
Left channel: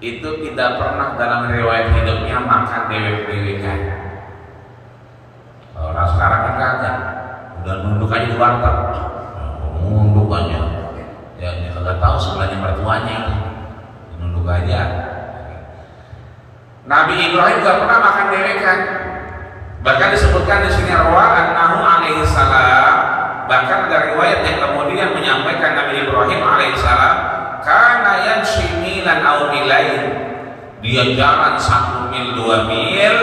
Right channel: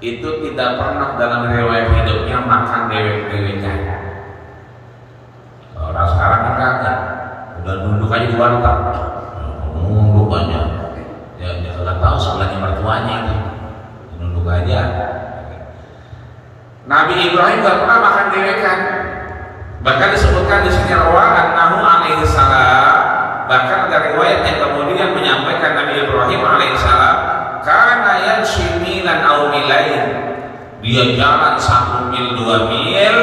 itu tidak pernah dalam riwayat hidupnya makan dewek-dewekan. Orang sekarang kan udah nunduk aja di warteg, nunduk aja. Ya nggak tahu sebelahnya mertuanya itu, nunduk aja. Nabi Ibrahim nggak pernah makan dewekan. Bahkan disebutkan di sini annahu alaihi salam. Bahkan ada riwayat yang kemudian menyampaikan Nabi Ibrahim alaihissalam karena yang similan au milain, dia jalan 1 mil 2 mil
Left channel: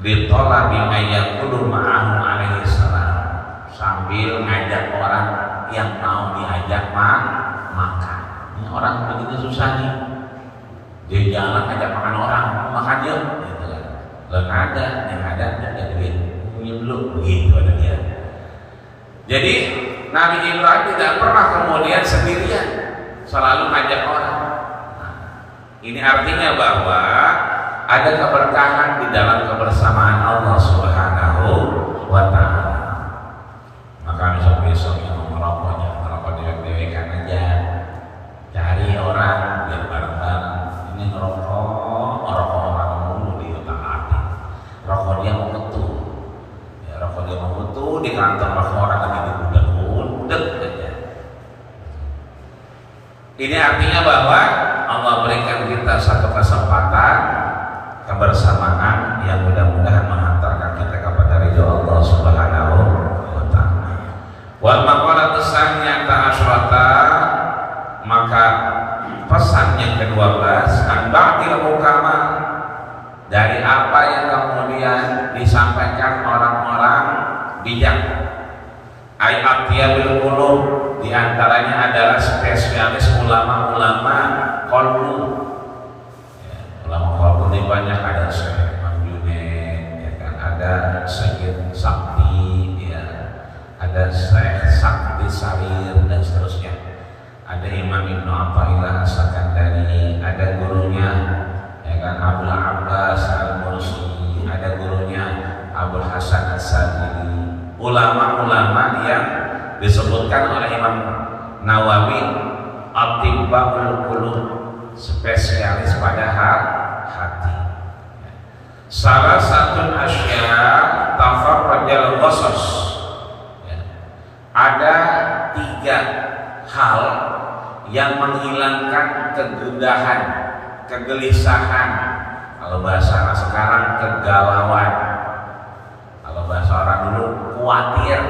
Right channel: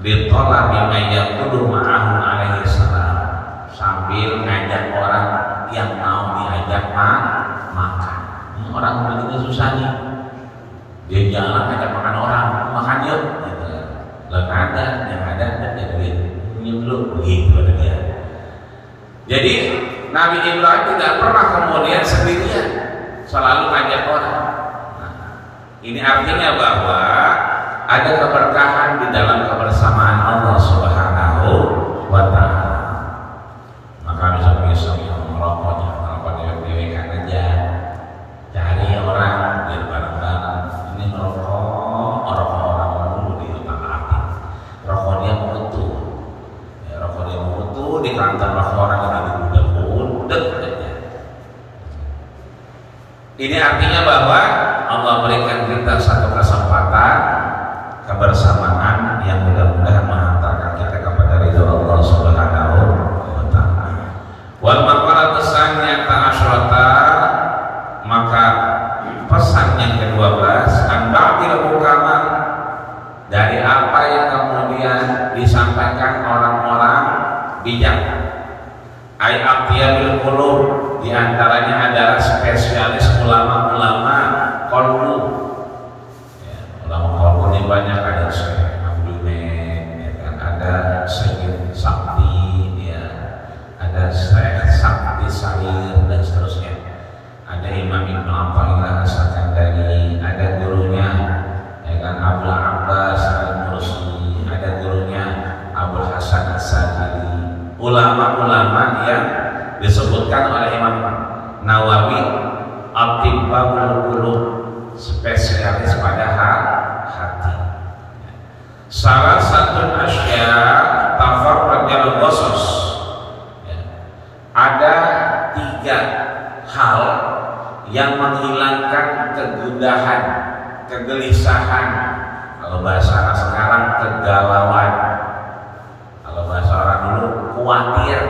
ditolak dimayat kudu ma'ahu alaihissalam, sambil ngajak orang yang mau diajak makan. yang ada jadi nyeluk gitu dia. Jadi Nabi Ibrahim tidak pernah kemudian sendirian, selalu ngajak orang. Ini artinya bahwa ada keberkahan di dalam kebersamaan Allah Subhanahu wa Ta'ala. Maka besok-besok yang merokok dewe-dewekan aja, cari orang biar bareng-bareng. Ini rokok orang dulu di utara, rokok dia mutu, ya, rokok dia mutu di kantor orang lagi budek aja. Ini artinya bahwa Allah berikan kita satu kesempatan kebersamaan yang mudah-mudahan mengantarkan kita kepada ridho Allah Subhanahu wa Ta'ala. Wal maqalat tsaniyah ta'asyrata, maka pesan yang ke-12, an ba'dil hukama, dari apa yang kemudian disampaikan orang-orang bijak. Ai aqyalul qulub, di antaranya adalah spesialis ulama-ulama qalbu. Ya, ulama qalbu ini banyak, ada Syekh Junaid, ya kan, ada Syekh Sakti, ya, ada Syekh Sakti Sarir dan seterusnya. Ada Imam Ibnu Athaillah As-Sakandari, ada gurunya ya kan Abdul Abbas Al-Mursi, ada gurunya Abdul Hasan As-Sajili. Ulama-ulama yang disebutkan oleh Imam Nawawi Atibbaul Qulub, spesialis pada hati. Salah satu asya tafarrajal qasas, ada 3 hal yang menghilangkan kegundahan, kegelisahan, kalau bahasa sekarang kegalauan, kalau bahasa orang dulu khawatir.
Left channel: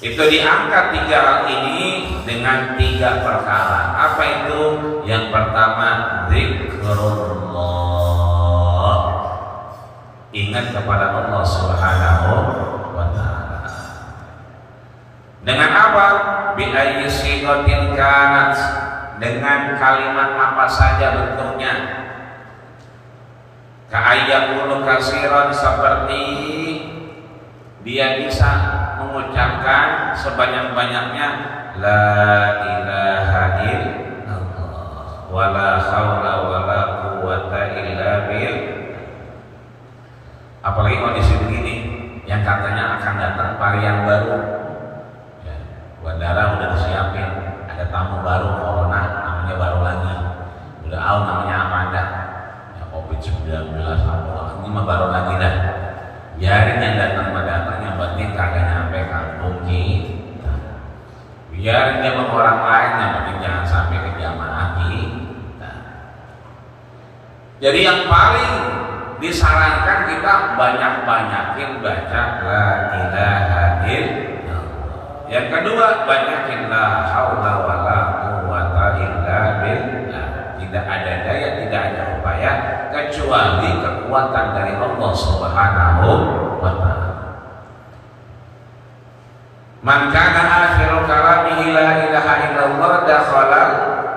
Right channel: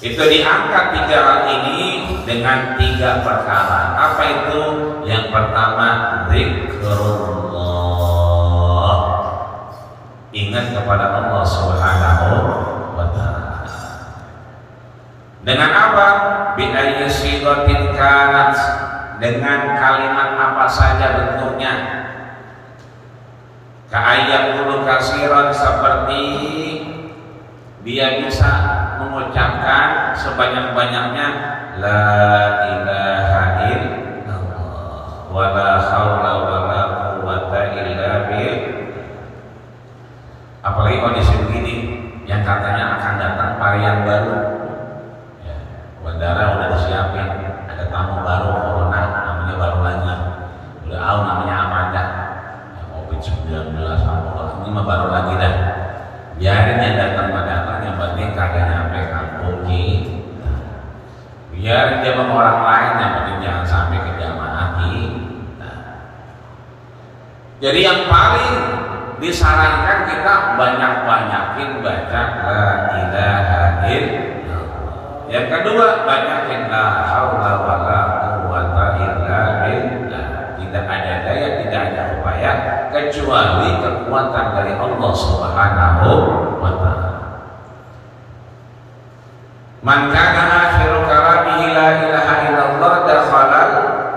Itu diangkat 3 hal ini dengan 3 perkara. Apa itu? Yang pertama, zikrullah, ingat kepada Allah Subhanahu wa Ta'ala. Dengan apa? Bi ayyi sighatin kanat, dengan kalimat apa saja bentuknya. Ka'ayyaqulu katsiran, seperti dia bisa mengucapkan sebanyak-banyaknya la ilaha illallah wa la haula wa la quwwata illa billah. Apalagi kondisi begini yang katanya akan datang varian baru, ya, bandara udah disiapin, ada tamu baru corona, namanya baru lagi, udah tahu namanya apa anda, ya, COVID-19 ini mah baru lagi dah. Biarin yang datang, yang penting kagak nyampe kampung kita. Biarin dia sama orang lain, yang penting jangan sampai ke jamaah kita. Jadi yang paling disarankan kita banyak-banyakin baca la ilaha illallah. Yang kedua, banyakin la haula wala quwwata illa billah. Tidak ada daya, tidak ada upaya kecuali kekuatan dari Allah Subhanahu wa Ta'ala. Man kana akhiru kalamihi la ilaha illallah dakhala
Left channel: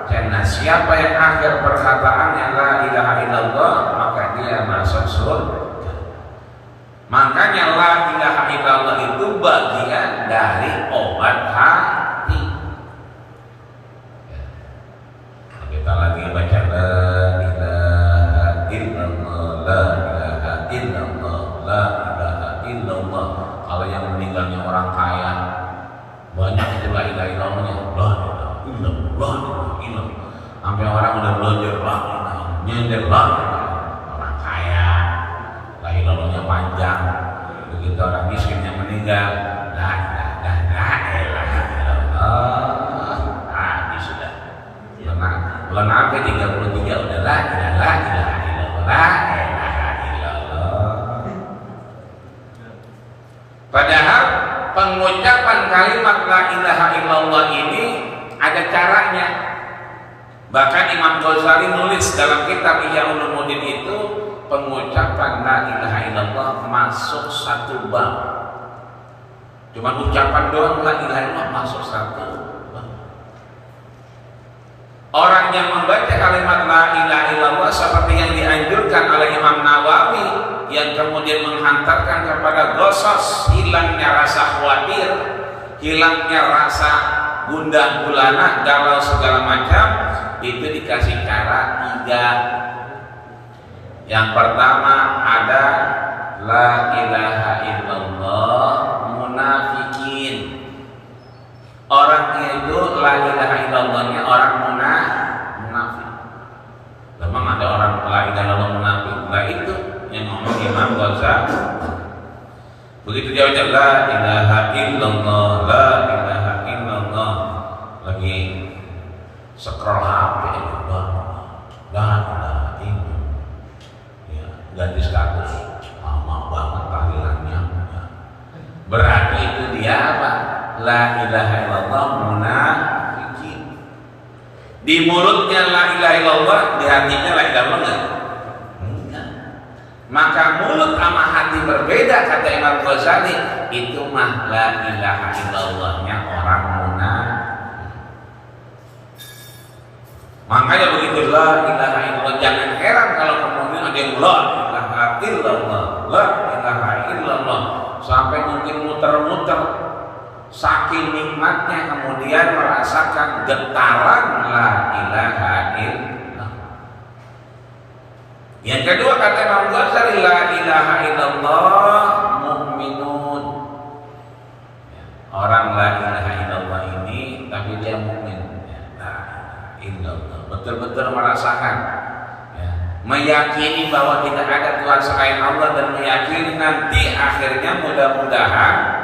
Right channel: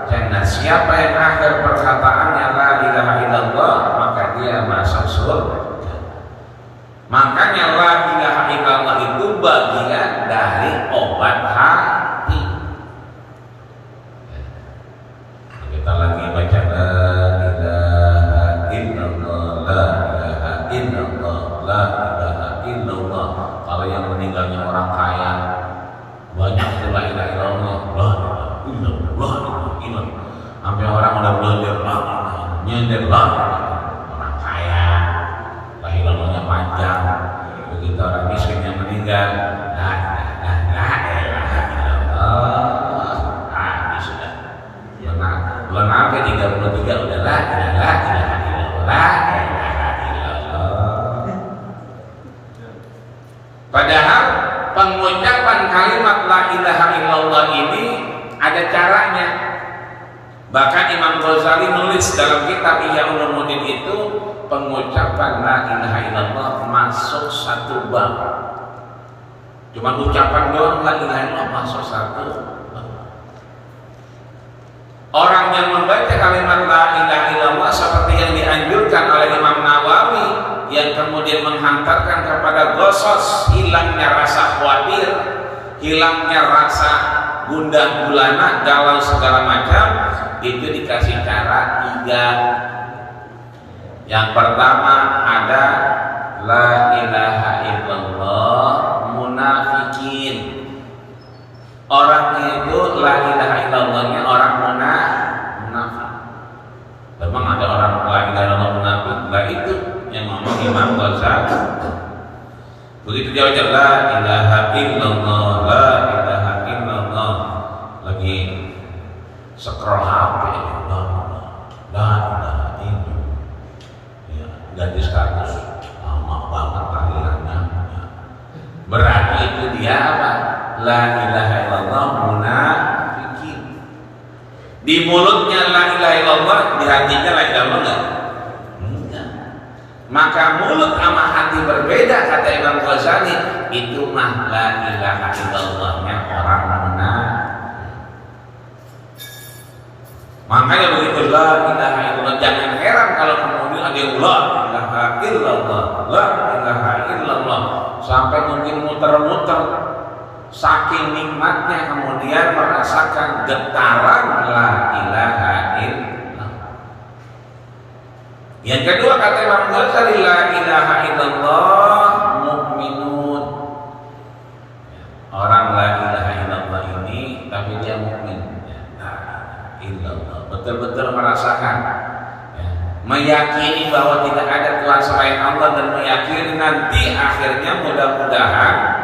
jannah. Siapa yang akhir perkataannya la ilaha illallah, maka dia masuk surga. Makanya la ilaha illallah itu bagian dari obat hati. Kita lagi baca la ilaha illallah, la ilaha illallah, la ilaha illallah. Kalau yang meninggalnya orang kaya banyak itu la ilaha illallah, la ilaha illallah. Sampai orang udah belajar la nyender orang kaya, la ilallahnya panjang. Begitu orang miskin yang meninggal, la ilaha illallah. Sudah lenang ke 33 udah la ilaha illallah. Padahal pengucapan kalimat la ilaha illallah ini ada caranya. Bahkan Imam Ghazali nulis dalam kitab Ihya Ulumuddin itu, pengucapan la ilaha illallah masuk satu bab. Cuma ucapan doang la ilaha illallah masuk satu bab. Orang yang membaca kalimat la ilaha illallah seperti yang dianjurkan oleh Imam Nawawi yang kemudian menghantarkan kepada ghasos, hilangnya rasa khawatir, hilangnya rasa gundah gulana, galau segala macam, itu dikasih cara 3. Yang pertama ada la ilaha illallah munafikin. Orang itu la ilaha illallahnya orang munafik. Memang ada orang la ilaha illallah munafik. Nah itu yang ngomong Imam Ghazali. Begitu jauhnya la ilaha illallah, la ilaha illallah, lagi scroll HP, la ilaha illallah, ya, ganti status, lama banget tahlilannya. Berarti itu dia apa? La ilaha illallah munafikin. Di mulutnya la ilaha illallah, di hatinya la ilaha illallah enggak. Maka mulut sama hati berbeda, kata Imam Ghazali. Itu mah la ilaha illallahnya orang munafik. Makanya begitu la ilaha illallah, jangan heran kalau kemudian ada yang la ilaha illallah, la ilaha illallah, sampai mungkin muter-muter saking nikmatnya, kemudian merasakan getaran la ilaha illallah. Yang kedua kata Imam Ghazali, la ilaha illallah mu'minun. Orang la ilaha illallah ini tapi dia mukmin. Illallah, betul-betul merasakan, ya, meyakini bahwa tidak ada Tuhan selain Allah, dan meyakini nanti akhirnya mudah-mudahan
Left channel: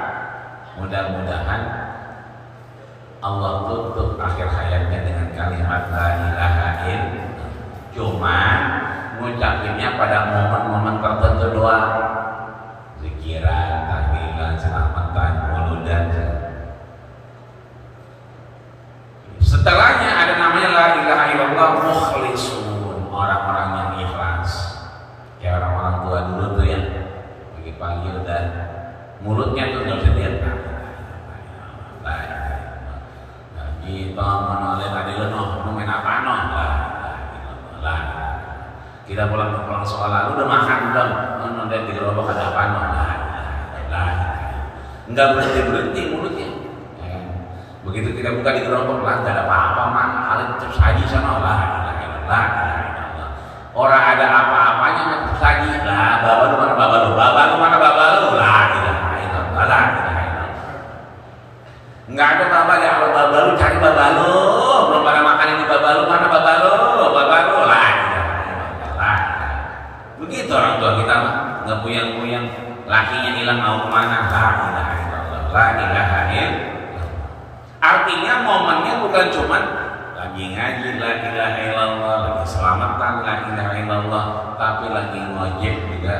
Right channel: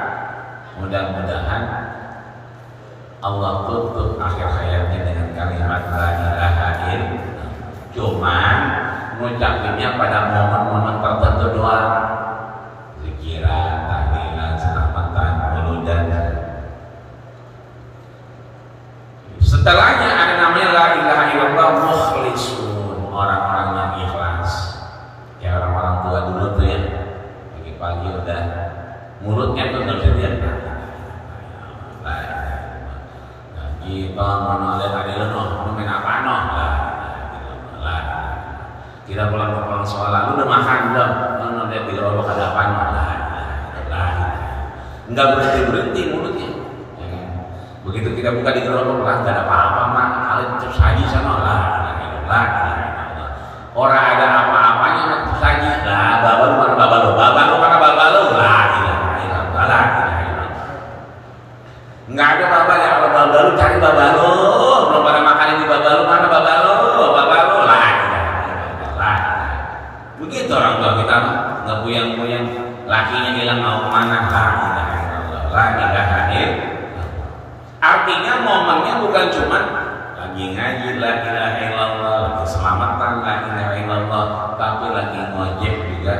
Allah tutup akhir hayatnya dengan kalimat la ilaha illallah. Cuman ngucapinnya pada momen-momen tertentu doang, zikiran, tahlilan, selamatan, muludan. Setelahnya ada namanya la ilaha illallah mukhlisun, orang-orang yang ikhlas. Ya orang-orang tua dulu tuh ya, pagi-pagi udah mulutnya tuh nggak bisa diam. Kita mau lihat ada leno, mau main apa noh? Lah, kita pulang sekolah, lu udah makan belum? Mau lihat di gerobak ada apa noh? Lah, nggak berhenti mulutnya. Begitu kita buka di gerobak, lah nggak ada apa-apa mah, kalian terus saji sana lah. Orang ada apa-apanya mah terus saji lah. Babalu mana babalu lah. Nggak ada babalu, kalau babalu cari babalu, belum pada makanan di babalu, mana babalu lah. Begitu orang tua kita ngebuyang-buyang, lakinya hilang mau kemana, la ilaha illallah. Artinya momennya bukan cuman lagi ngaji la ilaha illallah, lagi selamatan la ilaha illallah, tapi lagi ngojek juga.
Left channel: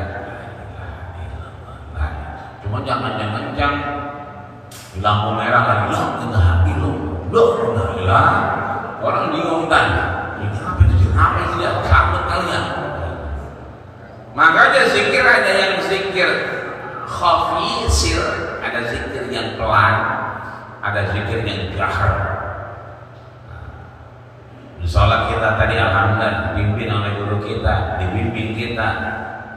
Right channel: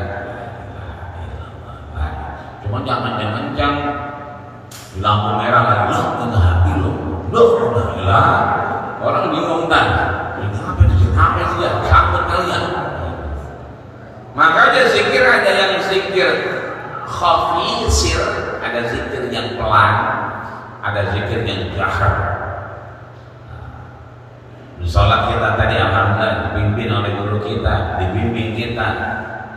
Cuman jangan kencang di lampu merah lagi la ilaha illallah. Orang bingung kan, apa itu ya, sambut kalian. Makanya zikir ada yang zikir khafi sir, ada zikir yang pelan, ada zikir yang jahar. Di sholat kita tadi alhamdulillah dibimbing oleh guru kita, dibimbing kita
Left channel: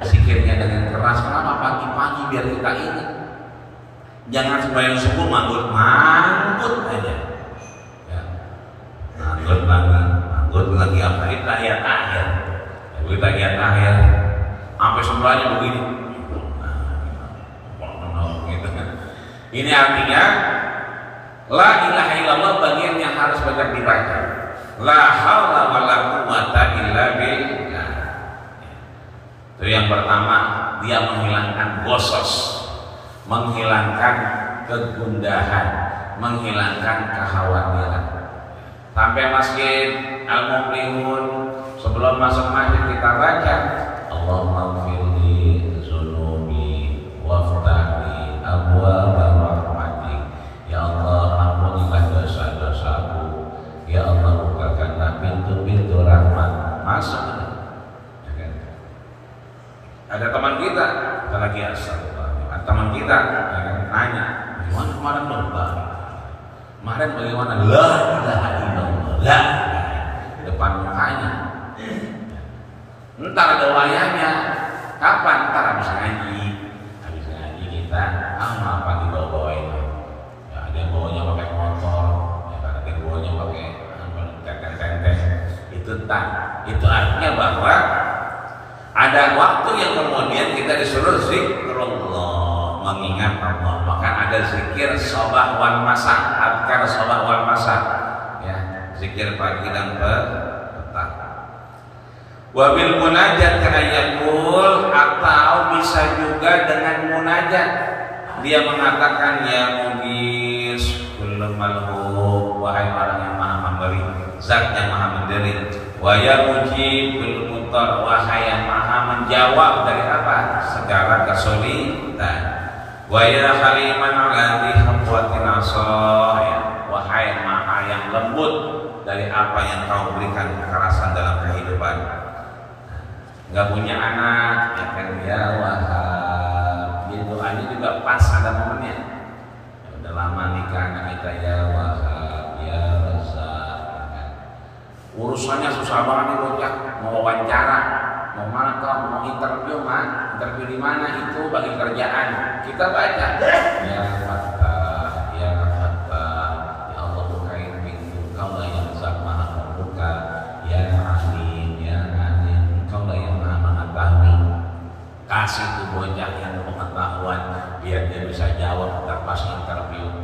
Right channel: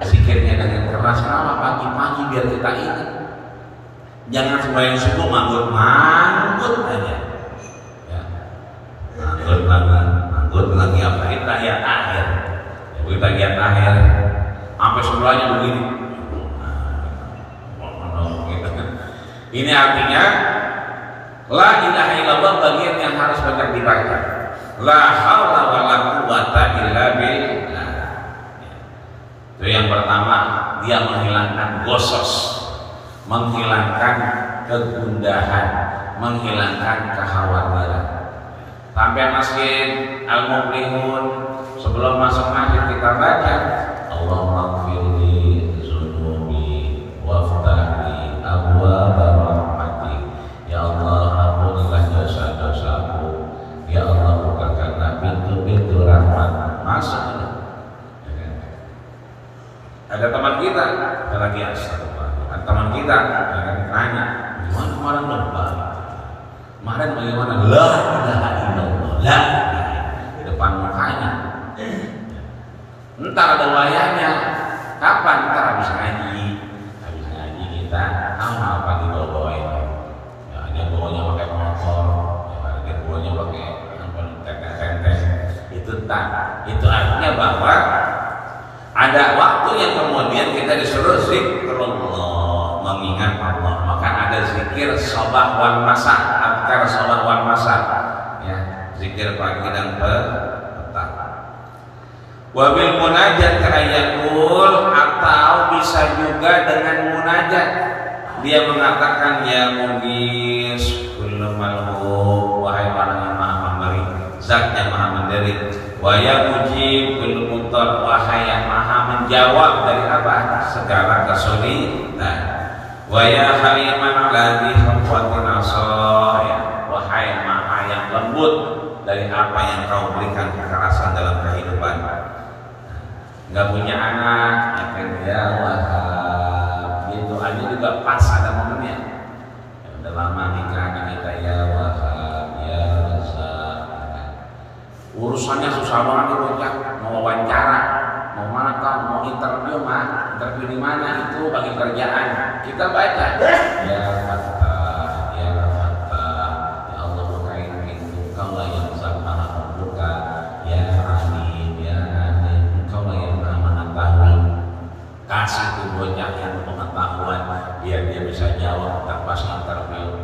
zikirnya dengan keras. Kenapa? Pagi-pagi biar kita ingat. Jangan sembahyang subuh manggut aja. Ya. Manggut lagi apa? Itu tahiyat akhir. Begitu tahiyat akhir sampai sebelahnya begini. Ini artinya la ilaha illallah bagian yang harus banyak dibaca. La haula wala quwata illa billah. Itu yang pertama, dia menghilangkan ghosos, menghilangkan kegundahan, menghilangkan kekhawatiran. Sampai masjid Al-Muflihun, sebelum masuk masjid kita baca Allahumma ighfirli dzunubi waftahli abwaaba rahmatik. Ya Allah, ampunilah dosa-dosaku. Ya Allah, bukakanlah pintu-pintu rahmat. Masuk. Ada teman kita lagi astagfirullah. Teman kita nanya, gimana kemarin lebaran? Kemarin bagaimana? La ilaha illallah. La depan mukanya. Entar ada wayangnya. Kapan? Ntar habis ngaji kita amal apa dibawa-bawain. Ya, ada yang bawanya pakai motor, ya, ada yang bawanya pakai tenteng. Itu artinya bahwa ada waktu yang kemudian kita disuruh zikrullah, mengingat Allah. Maka ada zikir sabah wal masa, azkar sabah wal masa, ya, zikir pagi dan petang. Wabil munajat ayakul, atau bisa juga dengan munajat. Dia mengatakan ya mugis kullu malhub, wahai orang yang maha memberi, zat yang maha memberi. Wa ya mujib kullu mutar, wahai yang maha menjawab dari apa? Segala kesulitan. Wa ya haliman alladhi hamwatin asah, ya, wahai maha yang lembut dari apa yang kau berikan kekerasan dalam kehidupan. Nggak punya anak, ya kan, ya Wahab. Jadi doanya juga pas ada momennya. Ya, udah lama nikah anak kita, ya Wahab, ya Razak. Urusannya susah banget nih bocah, mau wawancara, mau mana kau, mau interview di mana itu bagi kerjaan. Kita baca, ya Fatah, ya Fatah, ya Allah bukain pintu, kau lah yang Zat maha membuka, ya Alim, ya Alim, kau lah yang maha mengetahui. Kasih tuh bocah ilmu pengetahuan biar dia bisa jawab pas interview.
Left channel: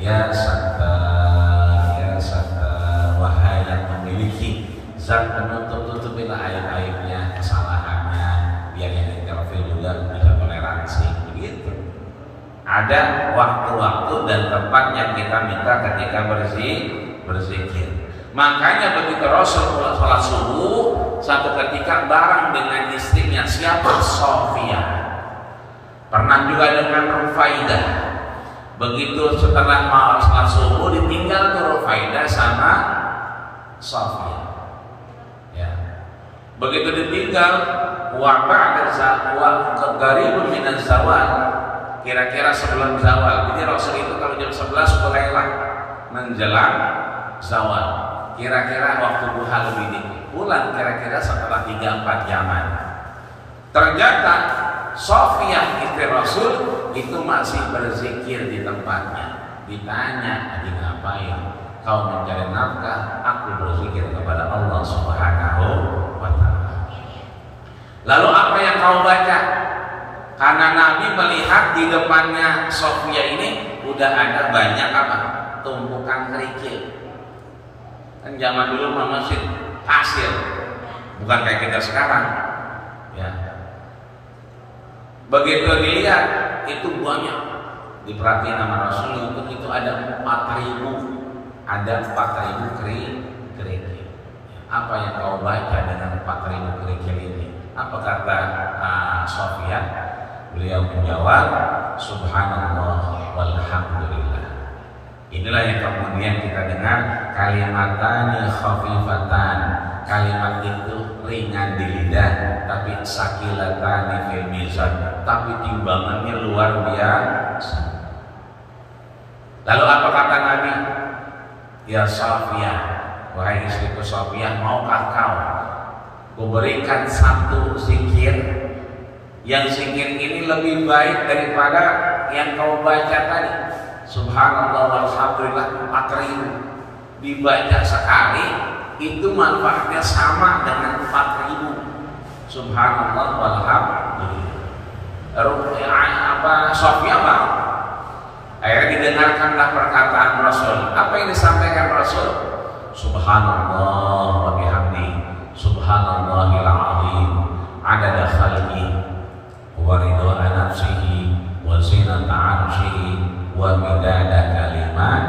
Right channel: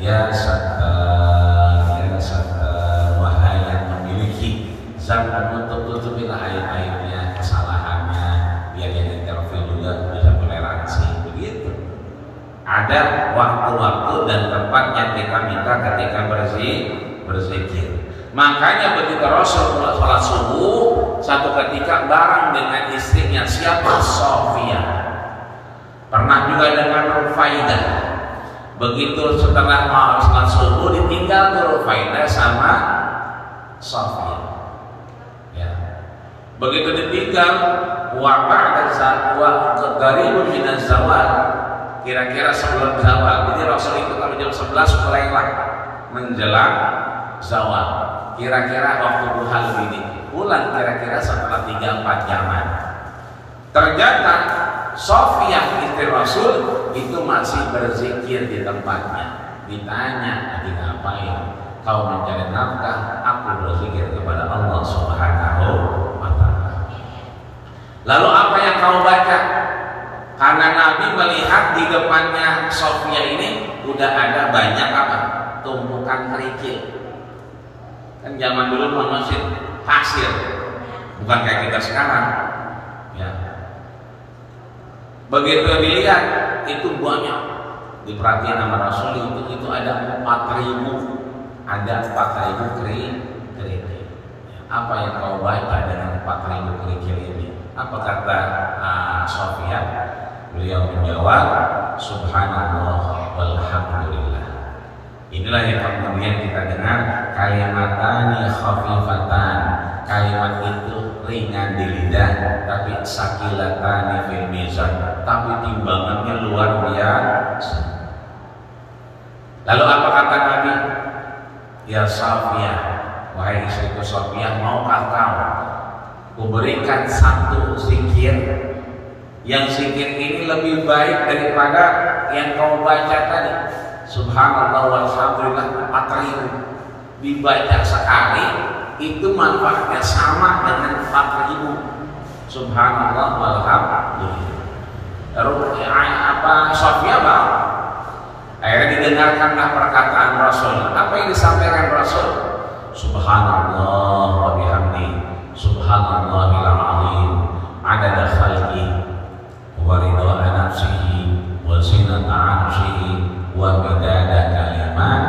Ya Sattar, ya Sattar, wahai yang memiliki zat penutup, tutupilah aib-aibnya, kesalahannya, biar yang interview juga bisa toleransi. Begitu. Ada waktu-waktu dan tempat yang kita minta ketika berzikir. Makanya begitu Rasul sholat subuh, satu ketika bareng dengan istrinya, siapa? Sofia. Pernah juga dengan Rufaidah. Begitu setelah sholat subuh ditinggal tuh Rufaidah sama Sofia. Ya. Begitu ditinggal, waqa'at qaribun min az-zawal. Kira-kira sebelum zawal. Jadi Rasul itu kalau jam 11 mulailah menjelang zawal. Kira-kira waktu duha lebih dikit. Pulang kira-kira setelah 3-4 jaman. Ternyata Sofia istri Rasul itu masih berzikir di tempatnya. Ditanya, "Lagi ngapain?" "Kau mencari nafkah, aku berzikir kepada Allah Subhanahu wa ta'ala." Lalu apa yang kau baca? Karena Nabi melihat di depannya Sofia ini udah ada banyak apa? Tumpukan kerikil. Kan zaman dulu masih pasir, bukan kayak kita sekarang. Ya. Begitu dilihat itu banyak, diperhatiin sama Rasul itu ada 4.000 kerikil. Apa yang kau baca dengan 4.000 kerikil ini? Apa kata Sofia? Beliau menjawab, Subhanallah walhamdulillah. Inilah yang kemudian kita dengar kalimatani khafifatan. Kalimat itu ringan di lidah, tapi sakilatani fil mizan, tapi timbangannya luar biasa. Lalu apa kata Nabi? Ya Sofia, wahai istriku Sofia, maukah kau kuberikan satu zikir, yang zikir ini lebih baik daripada yang kau baca tadi? Subhanallah walhamdulillah 4.000 dibaca sekali itu manfaatnya sama dengan 4.000. Subhanallah walhamdulillah. Sofia mau. Akhirnya didengarkanlah perkataan Rasul. Apa yang disampaikan Rasul? Subhanallah wa bihamdi, subhanallahil azim, adada khalqi wa ridha nafsihi wa zinata 'arsyihi wa midada kalimat.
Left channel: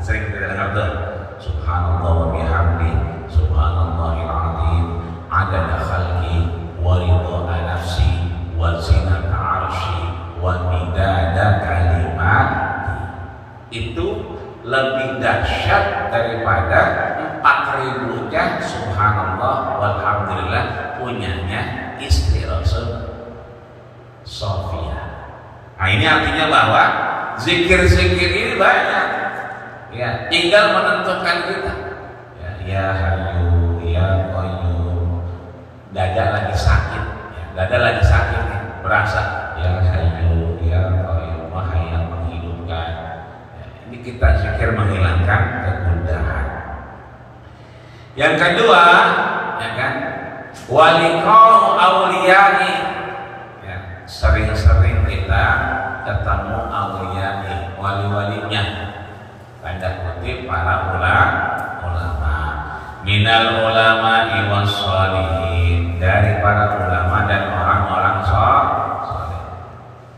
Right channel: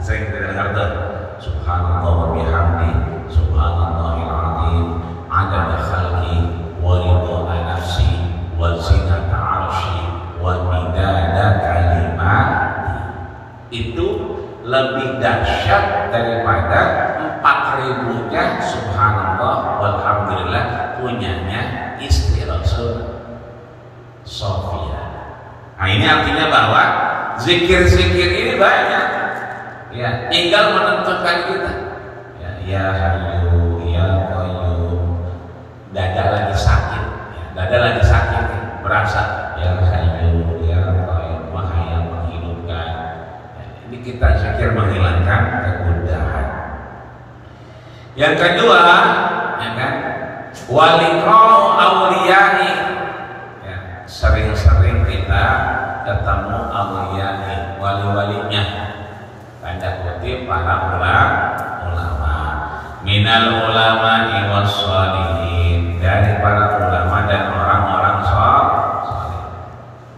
Sering kita dengar tuh, subhanallah wa bihamdi, subhanallahil azim, adada khalqi wa ridha nafsi wa zinata 'arsyi wa midada kalimat. Itu lebih dahsyat daripada 4.000-nya subhanallah walhamdulillah punyanya istri Rasul Sofia. Nah, ini artinya bahwa zikir-zikir ini banyak. Ya, tinggal menentukan kita. Ya Hayyu, ya Qayyum. Dada lagi sakit, ya, dada lagi sakit nih, berasa yang hayu ya Qayyum yang menghidupkan. Ya, ini kita zikir menghilangkan kegundahan. Yang kedua, ya kan, waliqa'u awliyani, ya, sering-sering kita ketemu awliyani, wali-walinya, tanda kutip para ulama, minal ulama was sholihin, dari para ulama dan orang-orang saleh.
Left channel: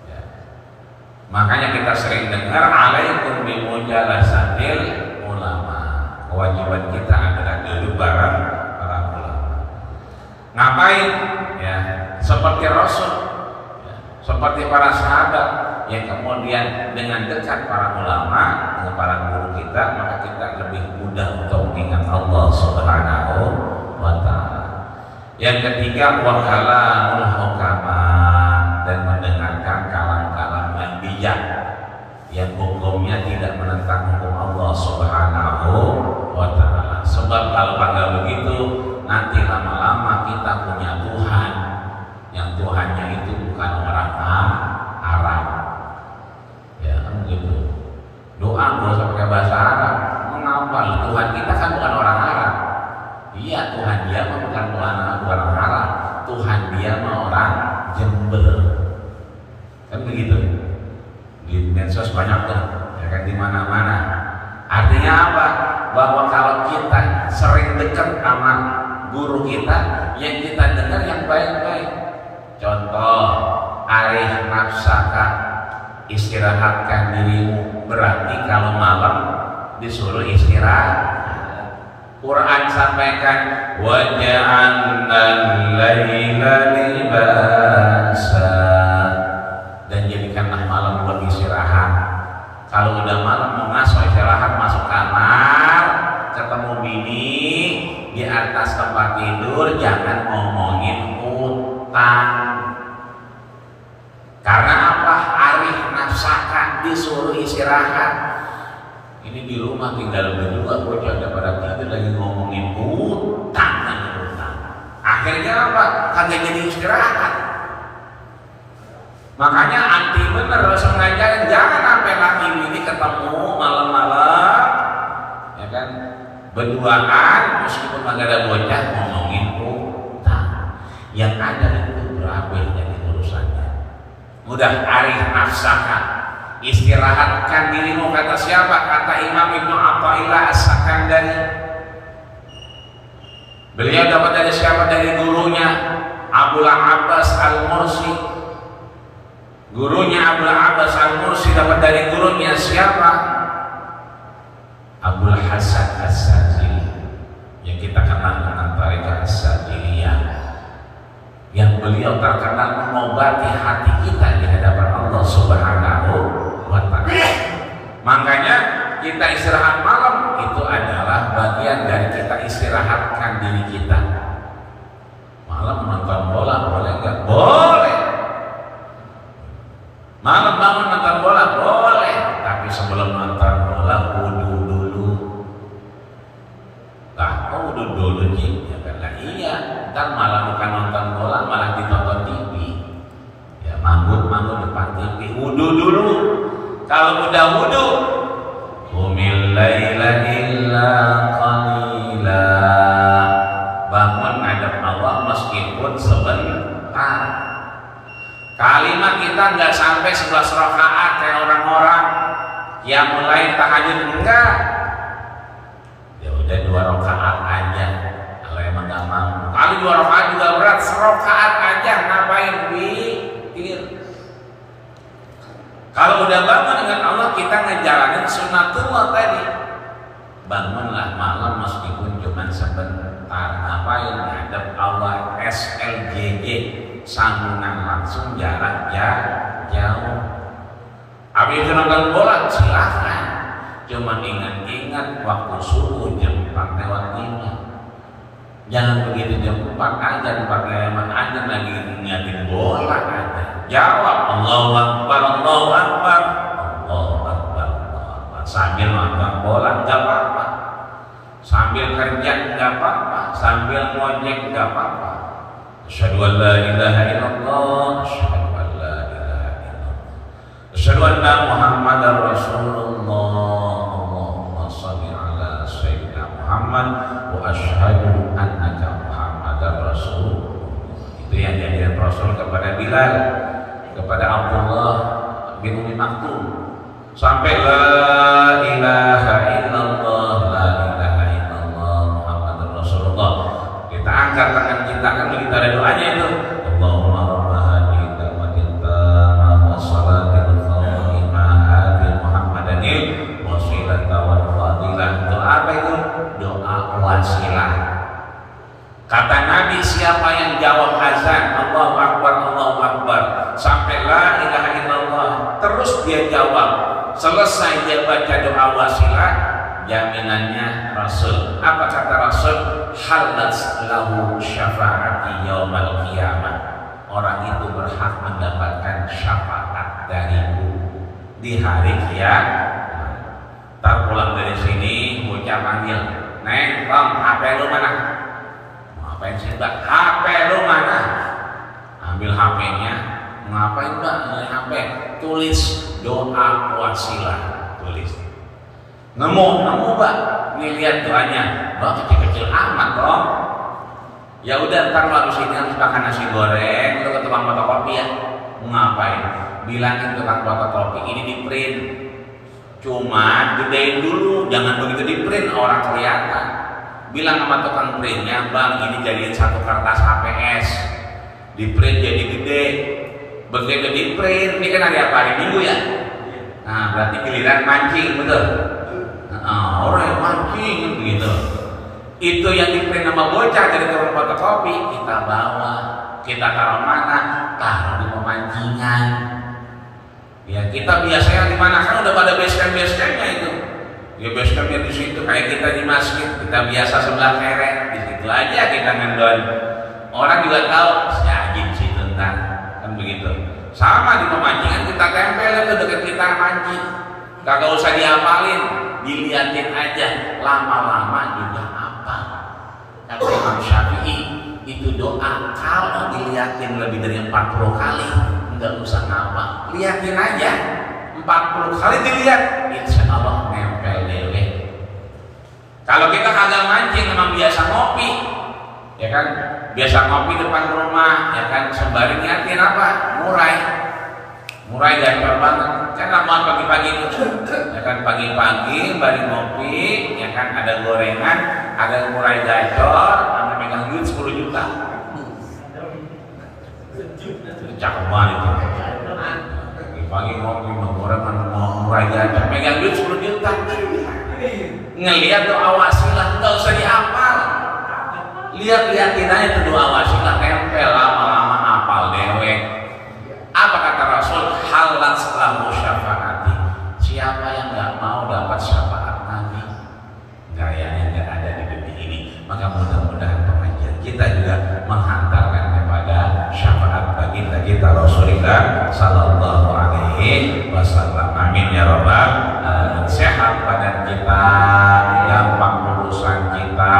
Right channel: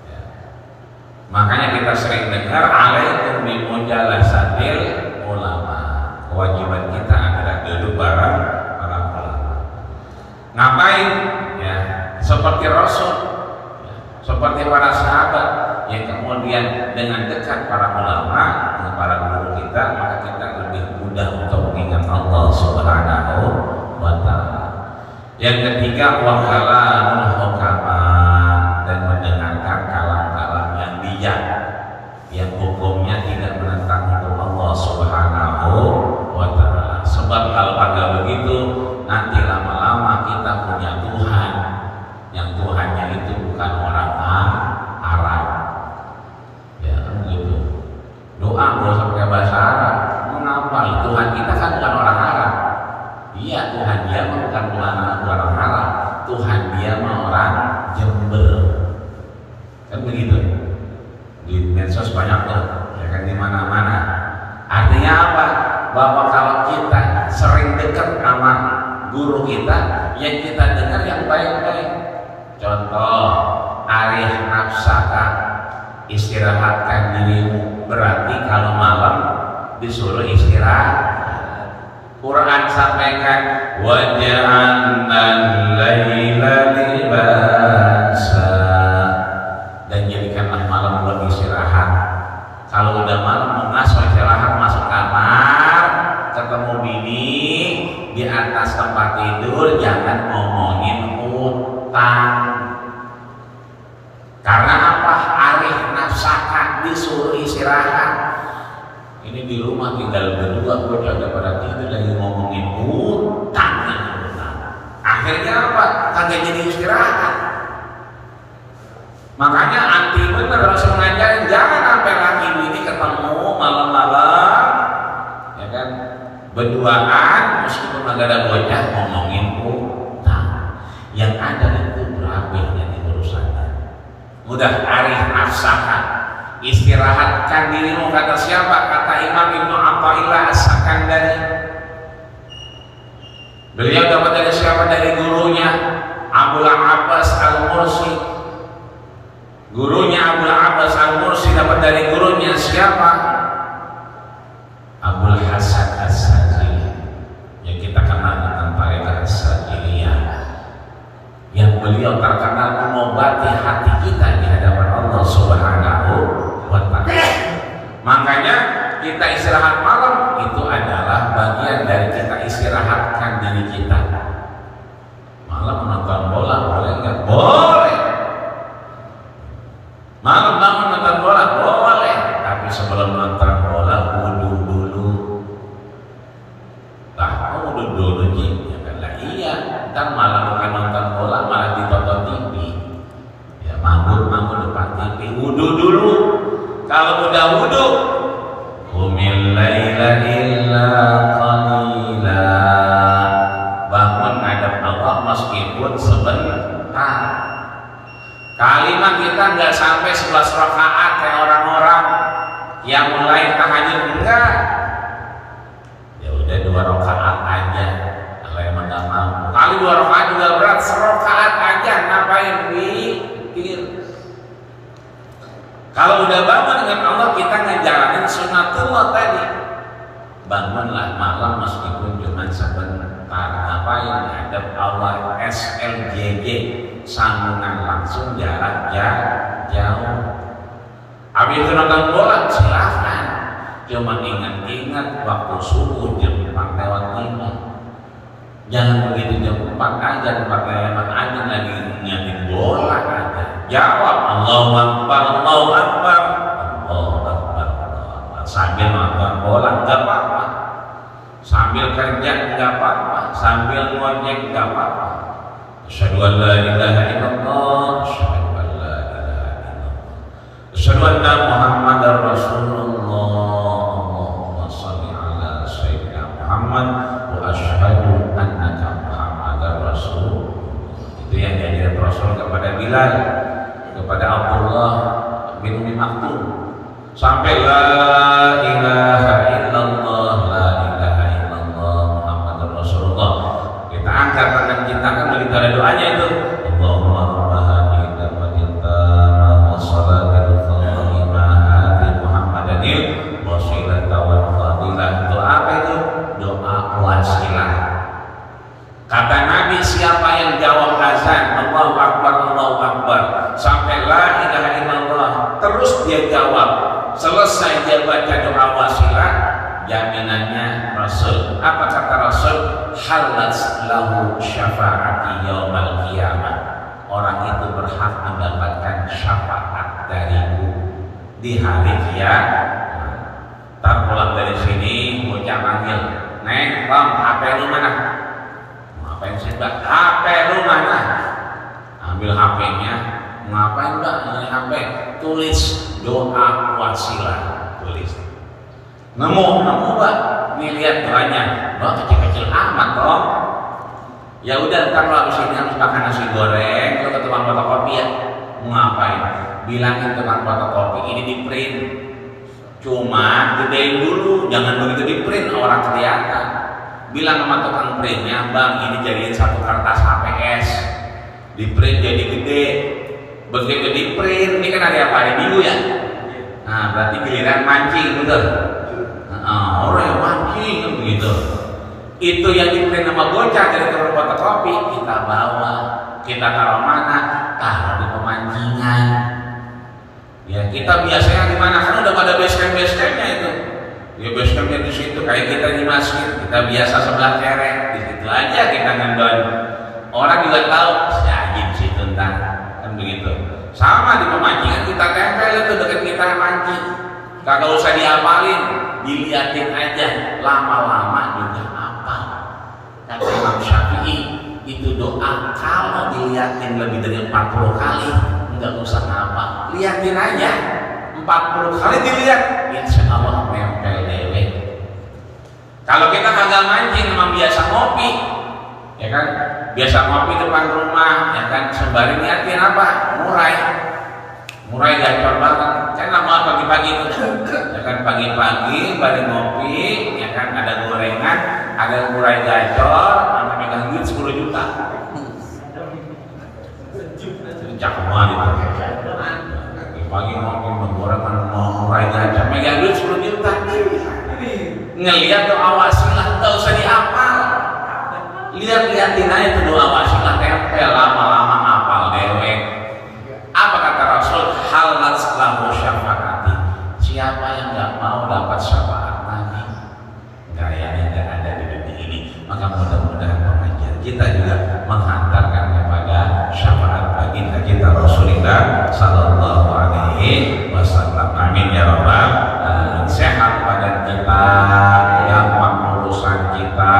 Ya. Makanya kita sering dengar alaikum bi mujalasatil ulama, kewajiban kita adalah duduk bareng para ulama. Ngapain? Ya, seperti Rasul, ya, seperti para sahabat yang kemudian dengan dekat para ulama, dengan para guru kita, maka kita lebih mudah untuk mengingat Allah Subhanahu wa Ta'ala. Yang ketiga, wa kalamul hukama, dan mendengarkan kalam-kalam yang bijak, yang hukumnya tidak menentang hukum Allah Subhanahu wa Ta'ala. Sebab kalau kagak begitu, nanti lama-lama kita punya Tuhan, yang Tuhannya itu bukan orang Arab. Ya kan gitu. Doa gak usah pakai bahasa Arab. Mengapa? Tuhan kita kan bukan orang Arab. Iya, Tuhan dia mah bukan orang Arab. Tuhan dia mah orang Jember. Kan begitu. Di medsos banyak tuh, ya kan, di mana-mana. Artinya apa? Bahwa kalau kita sering dekat sama guru kita, yang kita dengar yang baik-baik. Contoh, arif nafsaka, istirahatkan dirimu. Berarti kalau malam disuruh istirahat. Quran sampaikan waja'alnal laila libasa, dan jadikanlah malam bagi istirahat. Kalau udah malam masuk istirahat, masuk kamar, ketemu bini di atas tempat tidur, jangan ngomongin utang. Karena apa? Arif nafsaka, disuruh istirahat. Ini di rumah tinggal berdua, bocah udah pada tidur lagi ngomongin utang. Akhirnya apa? Kagak jadi istirahat. Makanya anti bener langsung ngajarin, jangan sampai laki ini ketemu malam-malam, ya kan, berduaan, meskipun agak ada bocah ngomongin utang. Yang ada itu berabe dari urusannya. Mudah arif nafsaka, istirahatkan dirimu. Kata siapa? Kata Imam Ibnu Athaillah As-Sakandari. Beliau dapat dari siapa? Dari gurunya Abul Abbas Al-Mursi. Gurunya Abul Abbas Al-Mursi dapat dari gurunya siapa? Abul Hasan As-Sajili, yang kita kenal dengan tarekat As-Sajiliyah, yang beliau terkenal mengobati hati kita di hadapan Allah Subhanahu wa Ta'ala. Makanya kita istirahat malam itu adalah bagian dari kita istirahatkan diri kita. Malam nonton bola boleh nggak? Boleh. Malam bangun nonton bola boleh, tapi sebelum nonton bola wudu dulu. Tahu wudu dulu Ji? Ya kan lah iya. Ntar malah bukan nonton bola, malah ditonton TV. Ya mabuk depan TV. Wudu dulu. Kalau udah wudu, qumil laila illa qalila, bangun ngadep Allah meskipun sebentar. Kalimat kita nggak sampai 11 rakaat kayak orang-orang yang mulai tahajud, enggak. Ya udah 2 rakaat aja. Kalau emang nggak mampu, kali 2 rakaat juga berat, 1 rakaat aja ngapain witir. Kalau udah bangun dengan Allah, kita ngejalanin sunatullah tadi. Bangunlah malam meskipun cuma sebentar. Ngapain? Ngadep Allah, SLJJ, sambungan langsung, jarak jauh. Habis itu nonton bola, silahkan. Cuma ingat-ingat waktu subuh jam 4 lewat 5. Jangan begitu jam 4 aja, 4 lewat aja lagi ngeliatin bola aja. Jawab Allahu Akbar, Allahu Akbar, Allahu Akbar, sambil nonton bola nggak apa-apa, sambil kerja nggak apa-apa, sambil ngojek nggak apa-apa. Asyhadu an la ilaha illallah asyhadu anna Muhammadar Rasulullah. Allahumma shalli ala sayyidina Muhammad wa asyhadu annaka Muhammadar Rasulullah. Itu yang jadi Rasul kepada Bilal, kepada Abdullah bin Umi Maktum, sampai la ilaha illallah, la ilaha illallah Muhammadur Rasulullah. Kita angkat tangan kita, kan kita ada doanya itu. Allahumma bahagia wa minta salatul fatihah Muhammadin wasilata wa fadilah. Doa apa itu? Doa wasilah. Kata Nabi, siapa yang jawab azan Allahu Akbar, Allahu Akbar, sampai la ilaha illallah, terus dia jawab, selesai dia baca doa wasilah, jaminannya Rasul. Apa kata Rasul? Halat lahu syafaati yaumal qiyamah. Orang itu berhak mendapatkan syafaat dariku di hari kiamat. Ntar pulang dari sini bocah panggil, "Neng, Tom, HP lu mana?" Ngapain sih, Mbak? HP lu mana? Ambil HP-nya. Ngapain, Mbak? Ini HP. Tulis doa wasilah. Tulis. Nemu, Mbak. Nih lihat doanya. Oh, kecil-kecil amat dong. Ya udah, ntar lo habis ini harus makan nasi goreng, lo ke tukang fotokopi ya. Mau ngapain? Bilangin tukang fotokopi ini di print. Cuma gedein dulu, jangan begitu di print orang kelihatan. Bilang sama tukang printnya, "Bang, ini jadiin satu kertas HPS, di print jadi gede." Begitu di print, ini kan hari apa? Hari Minggu ya. Nah, berarti giliran mancing, betul? Orang mancing gitu. Itu yang di print sama bocah dari tukang fotokopi kita bawa, kita taruh mana? Taruh di pemancingan. Ya kita biasanya di mana? Kan udah pada base campnya itu. Ya base camp di situ, kayak kita di masjid, kita biasa sebelah kerek, di situ aja kita ngendon. Orang juga tahu, si Haji di situ entar, kan begitu. Sama di pemancingan kita tempel itu dekat kita mancing. Kagak usah diapalin, diliatin aja, lama-lama juga apa. Kata Imam Syafi'i, itu doa kalau diliatin lebih dari 40 kali, enggak usah ngapa, liatin aja. 40 kali dilihat, insya Allah nempel lele. Kalau kita kagak mancing, memang biasa ngopi, ya kan? Biasa ngopi depan rumah, ya kan? Sembari niatin apa? Murai gacor banget. Enak banget pagi-pagi itu, ya kan? Pagi-pagi, sembari ngopi, ya kan? Ada gorengan, ada murai gacor, sampai megang duit 10 juta. Cakep banget itu. Pagi ngopi menggoreng murai gacor, megang duit 10 juta. Ngelihat doa wasilah nggak usah dihafal, lihat-lihatin aja itu doa wasilah, tempel, lama-lama hafal dewek. Apa kata Rasul? Halat lahu syafaati. Siapa yang nggak mau dapat syafaat Nabi, gayanya nggak ada di dunia ini. Maka mudah-mudahan pengajian kita juga menghantarkan kepada syafaat baginda kita Rasulullah sallallahu alaihi wasallam. Amin ya rabbal alamin. Sehat badan kita, gampang urusan kita,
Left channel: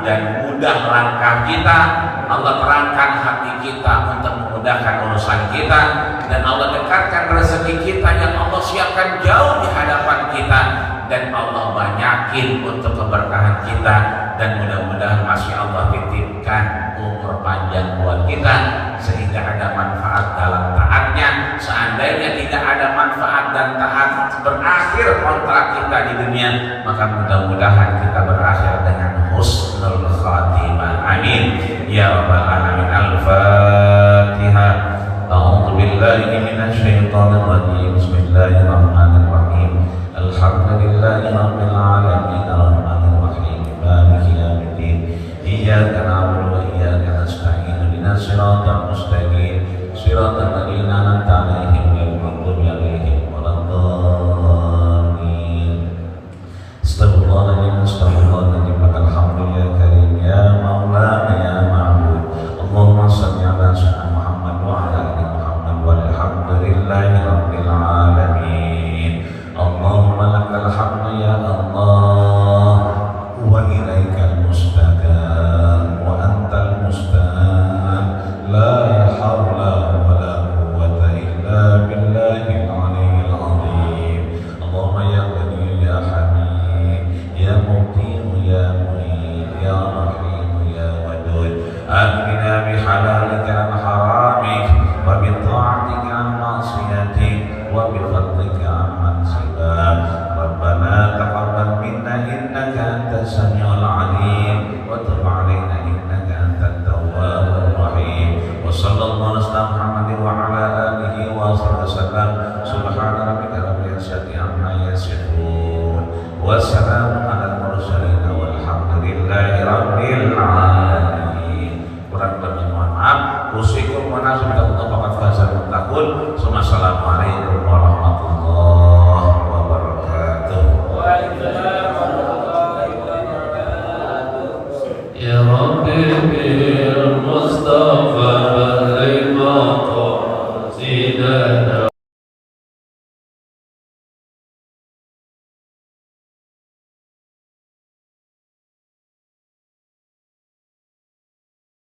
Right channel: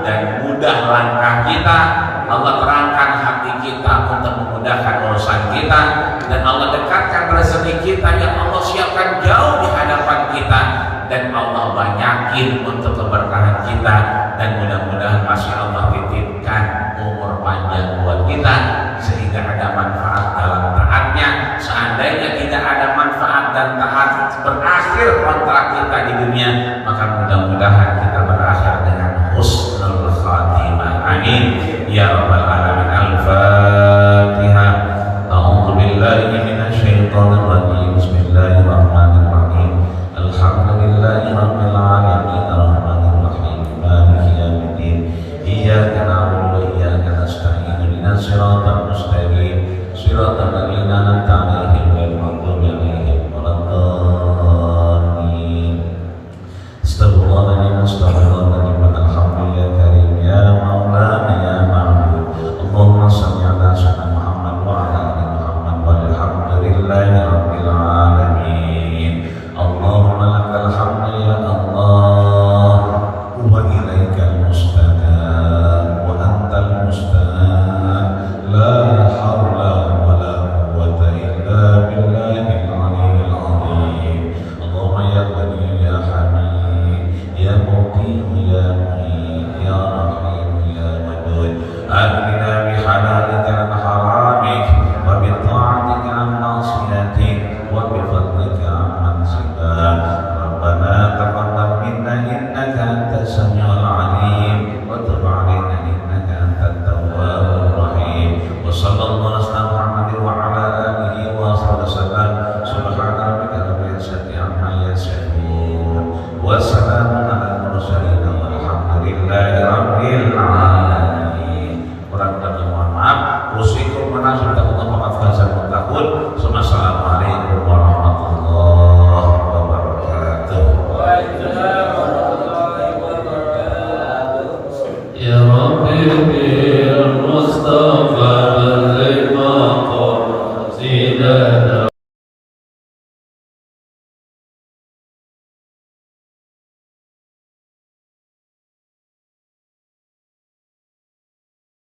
dan mudah langkah kita. Allah terangkan hati kita untuk memudahkan urusan kita, dan Allah dekatkan rezeki kita yang Allah siapkan jauh di hadapan kita, dan Allah banyakin untuk keberkahan kita, dan mudah-mudahan masih Allah titipkan umur panjang buat kita sehingga ada manfaat dalam taatnya. Seandainya tidak ada manfaat dan taat, berakhir kontrak kita di dunia, maka mudah-mudahan kita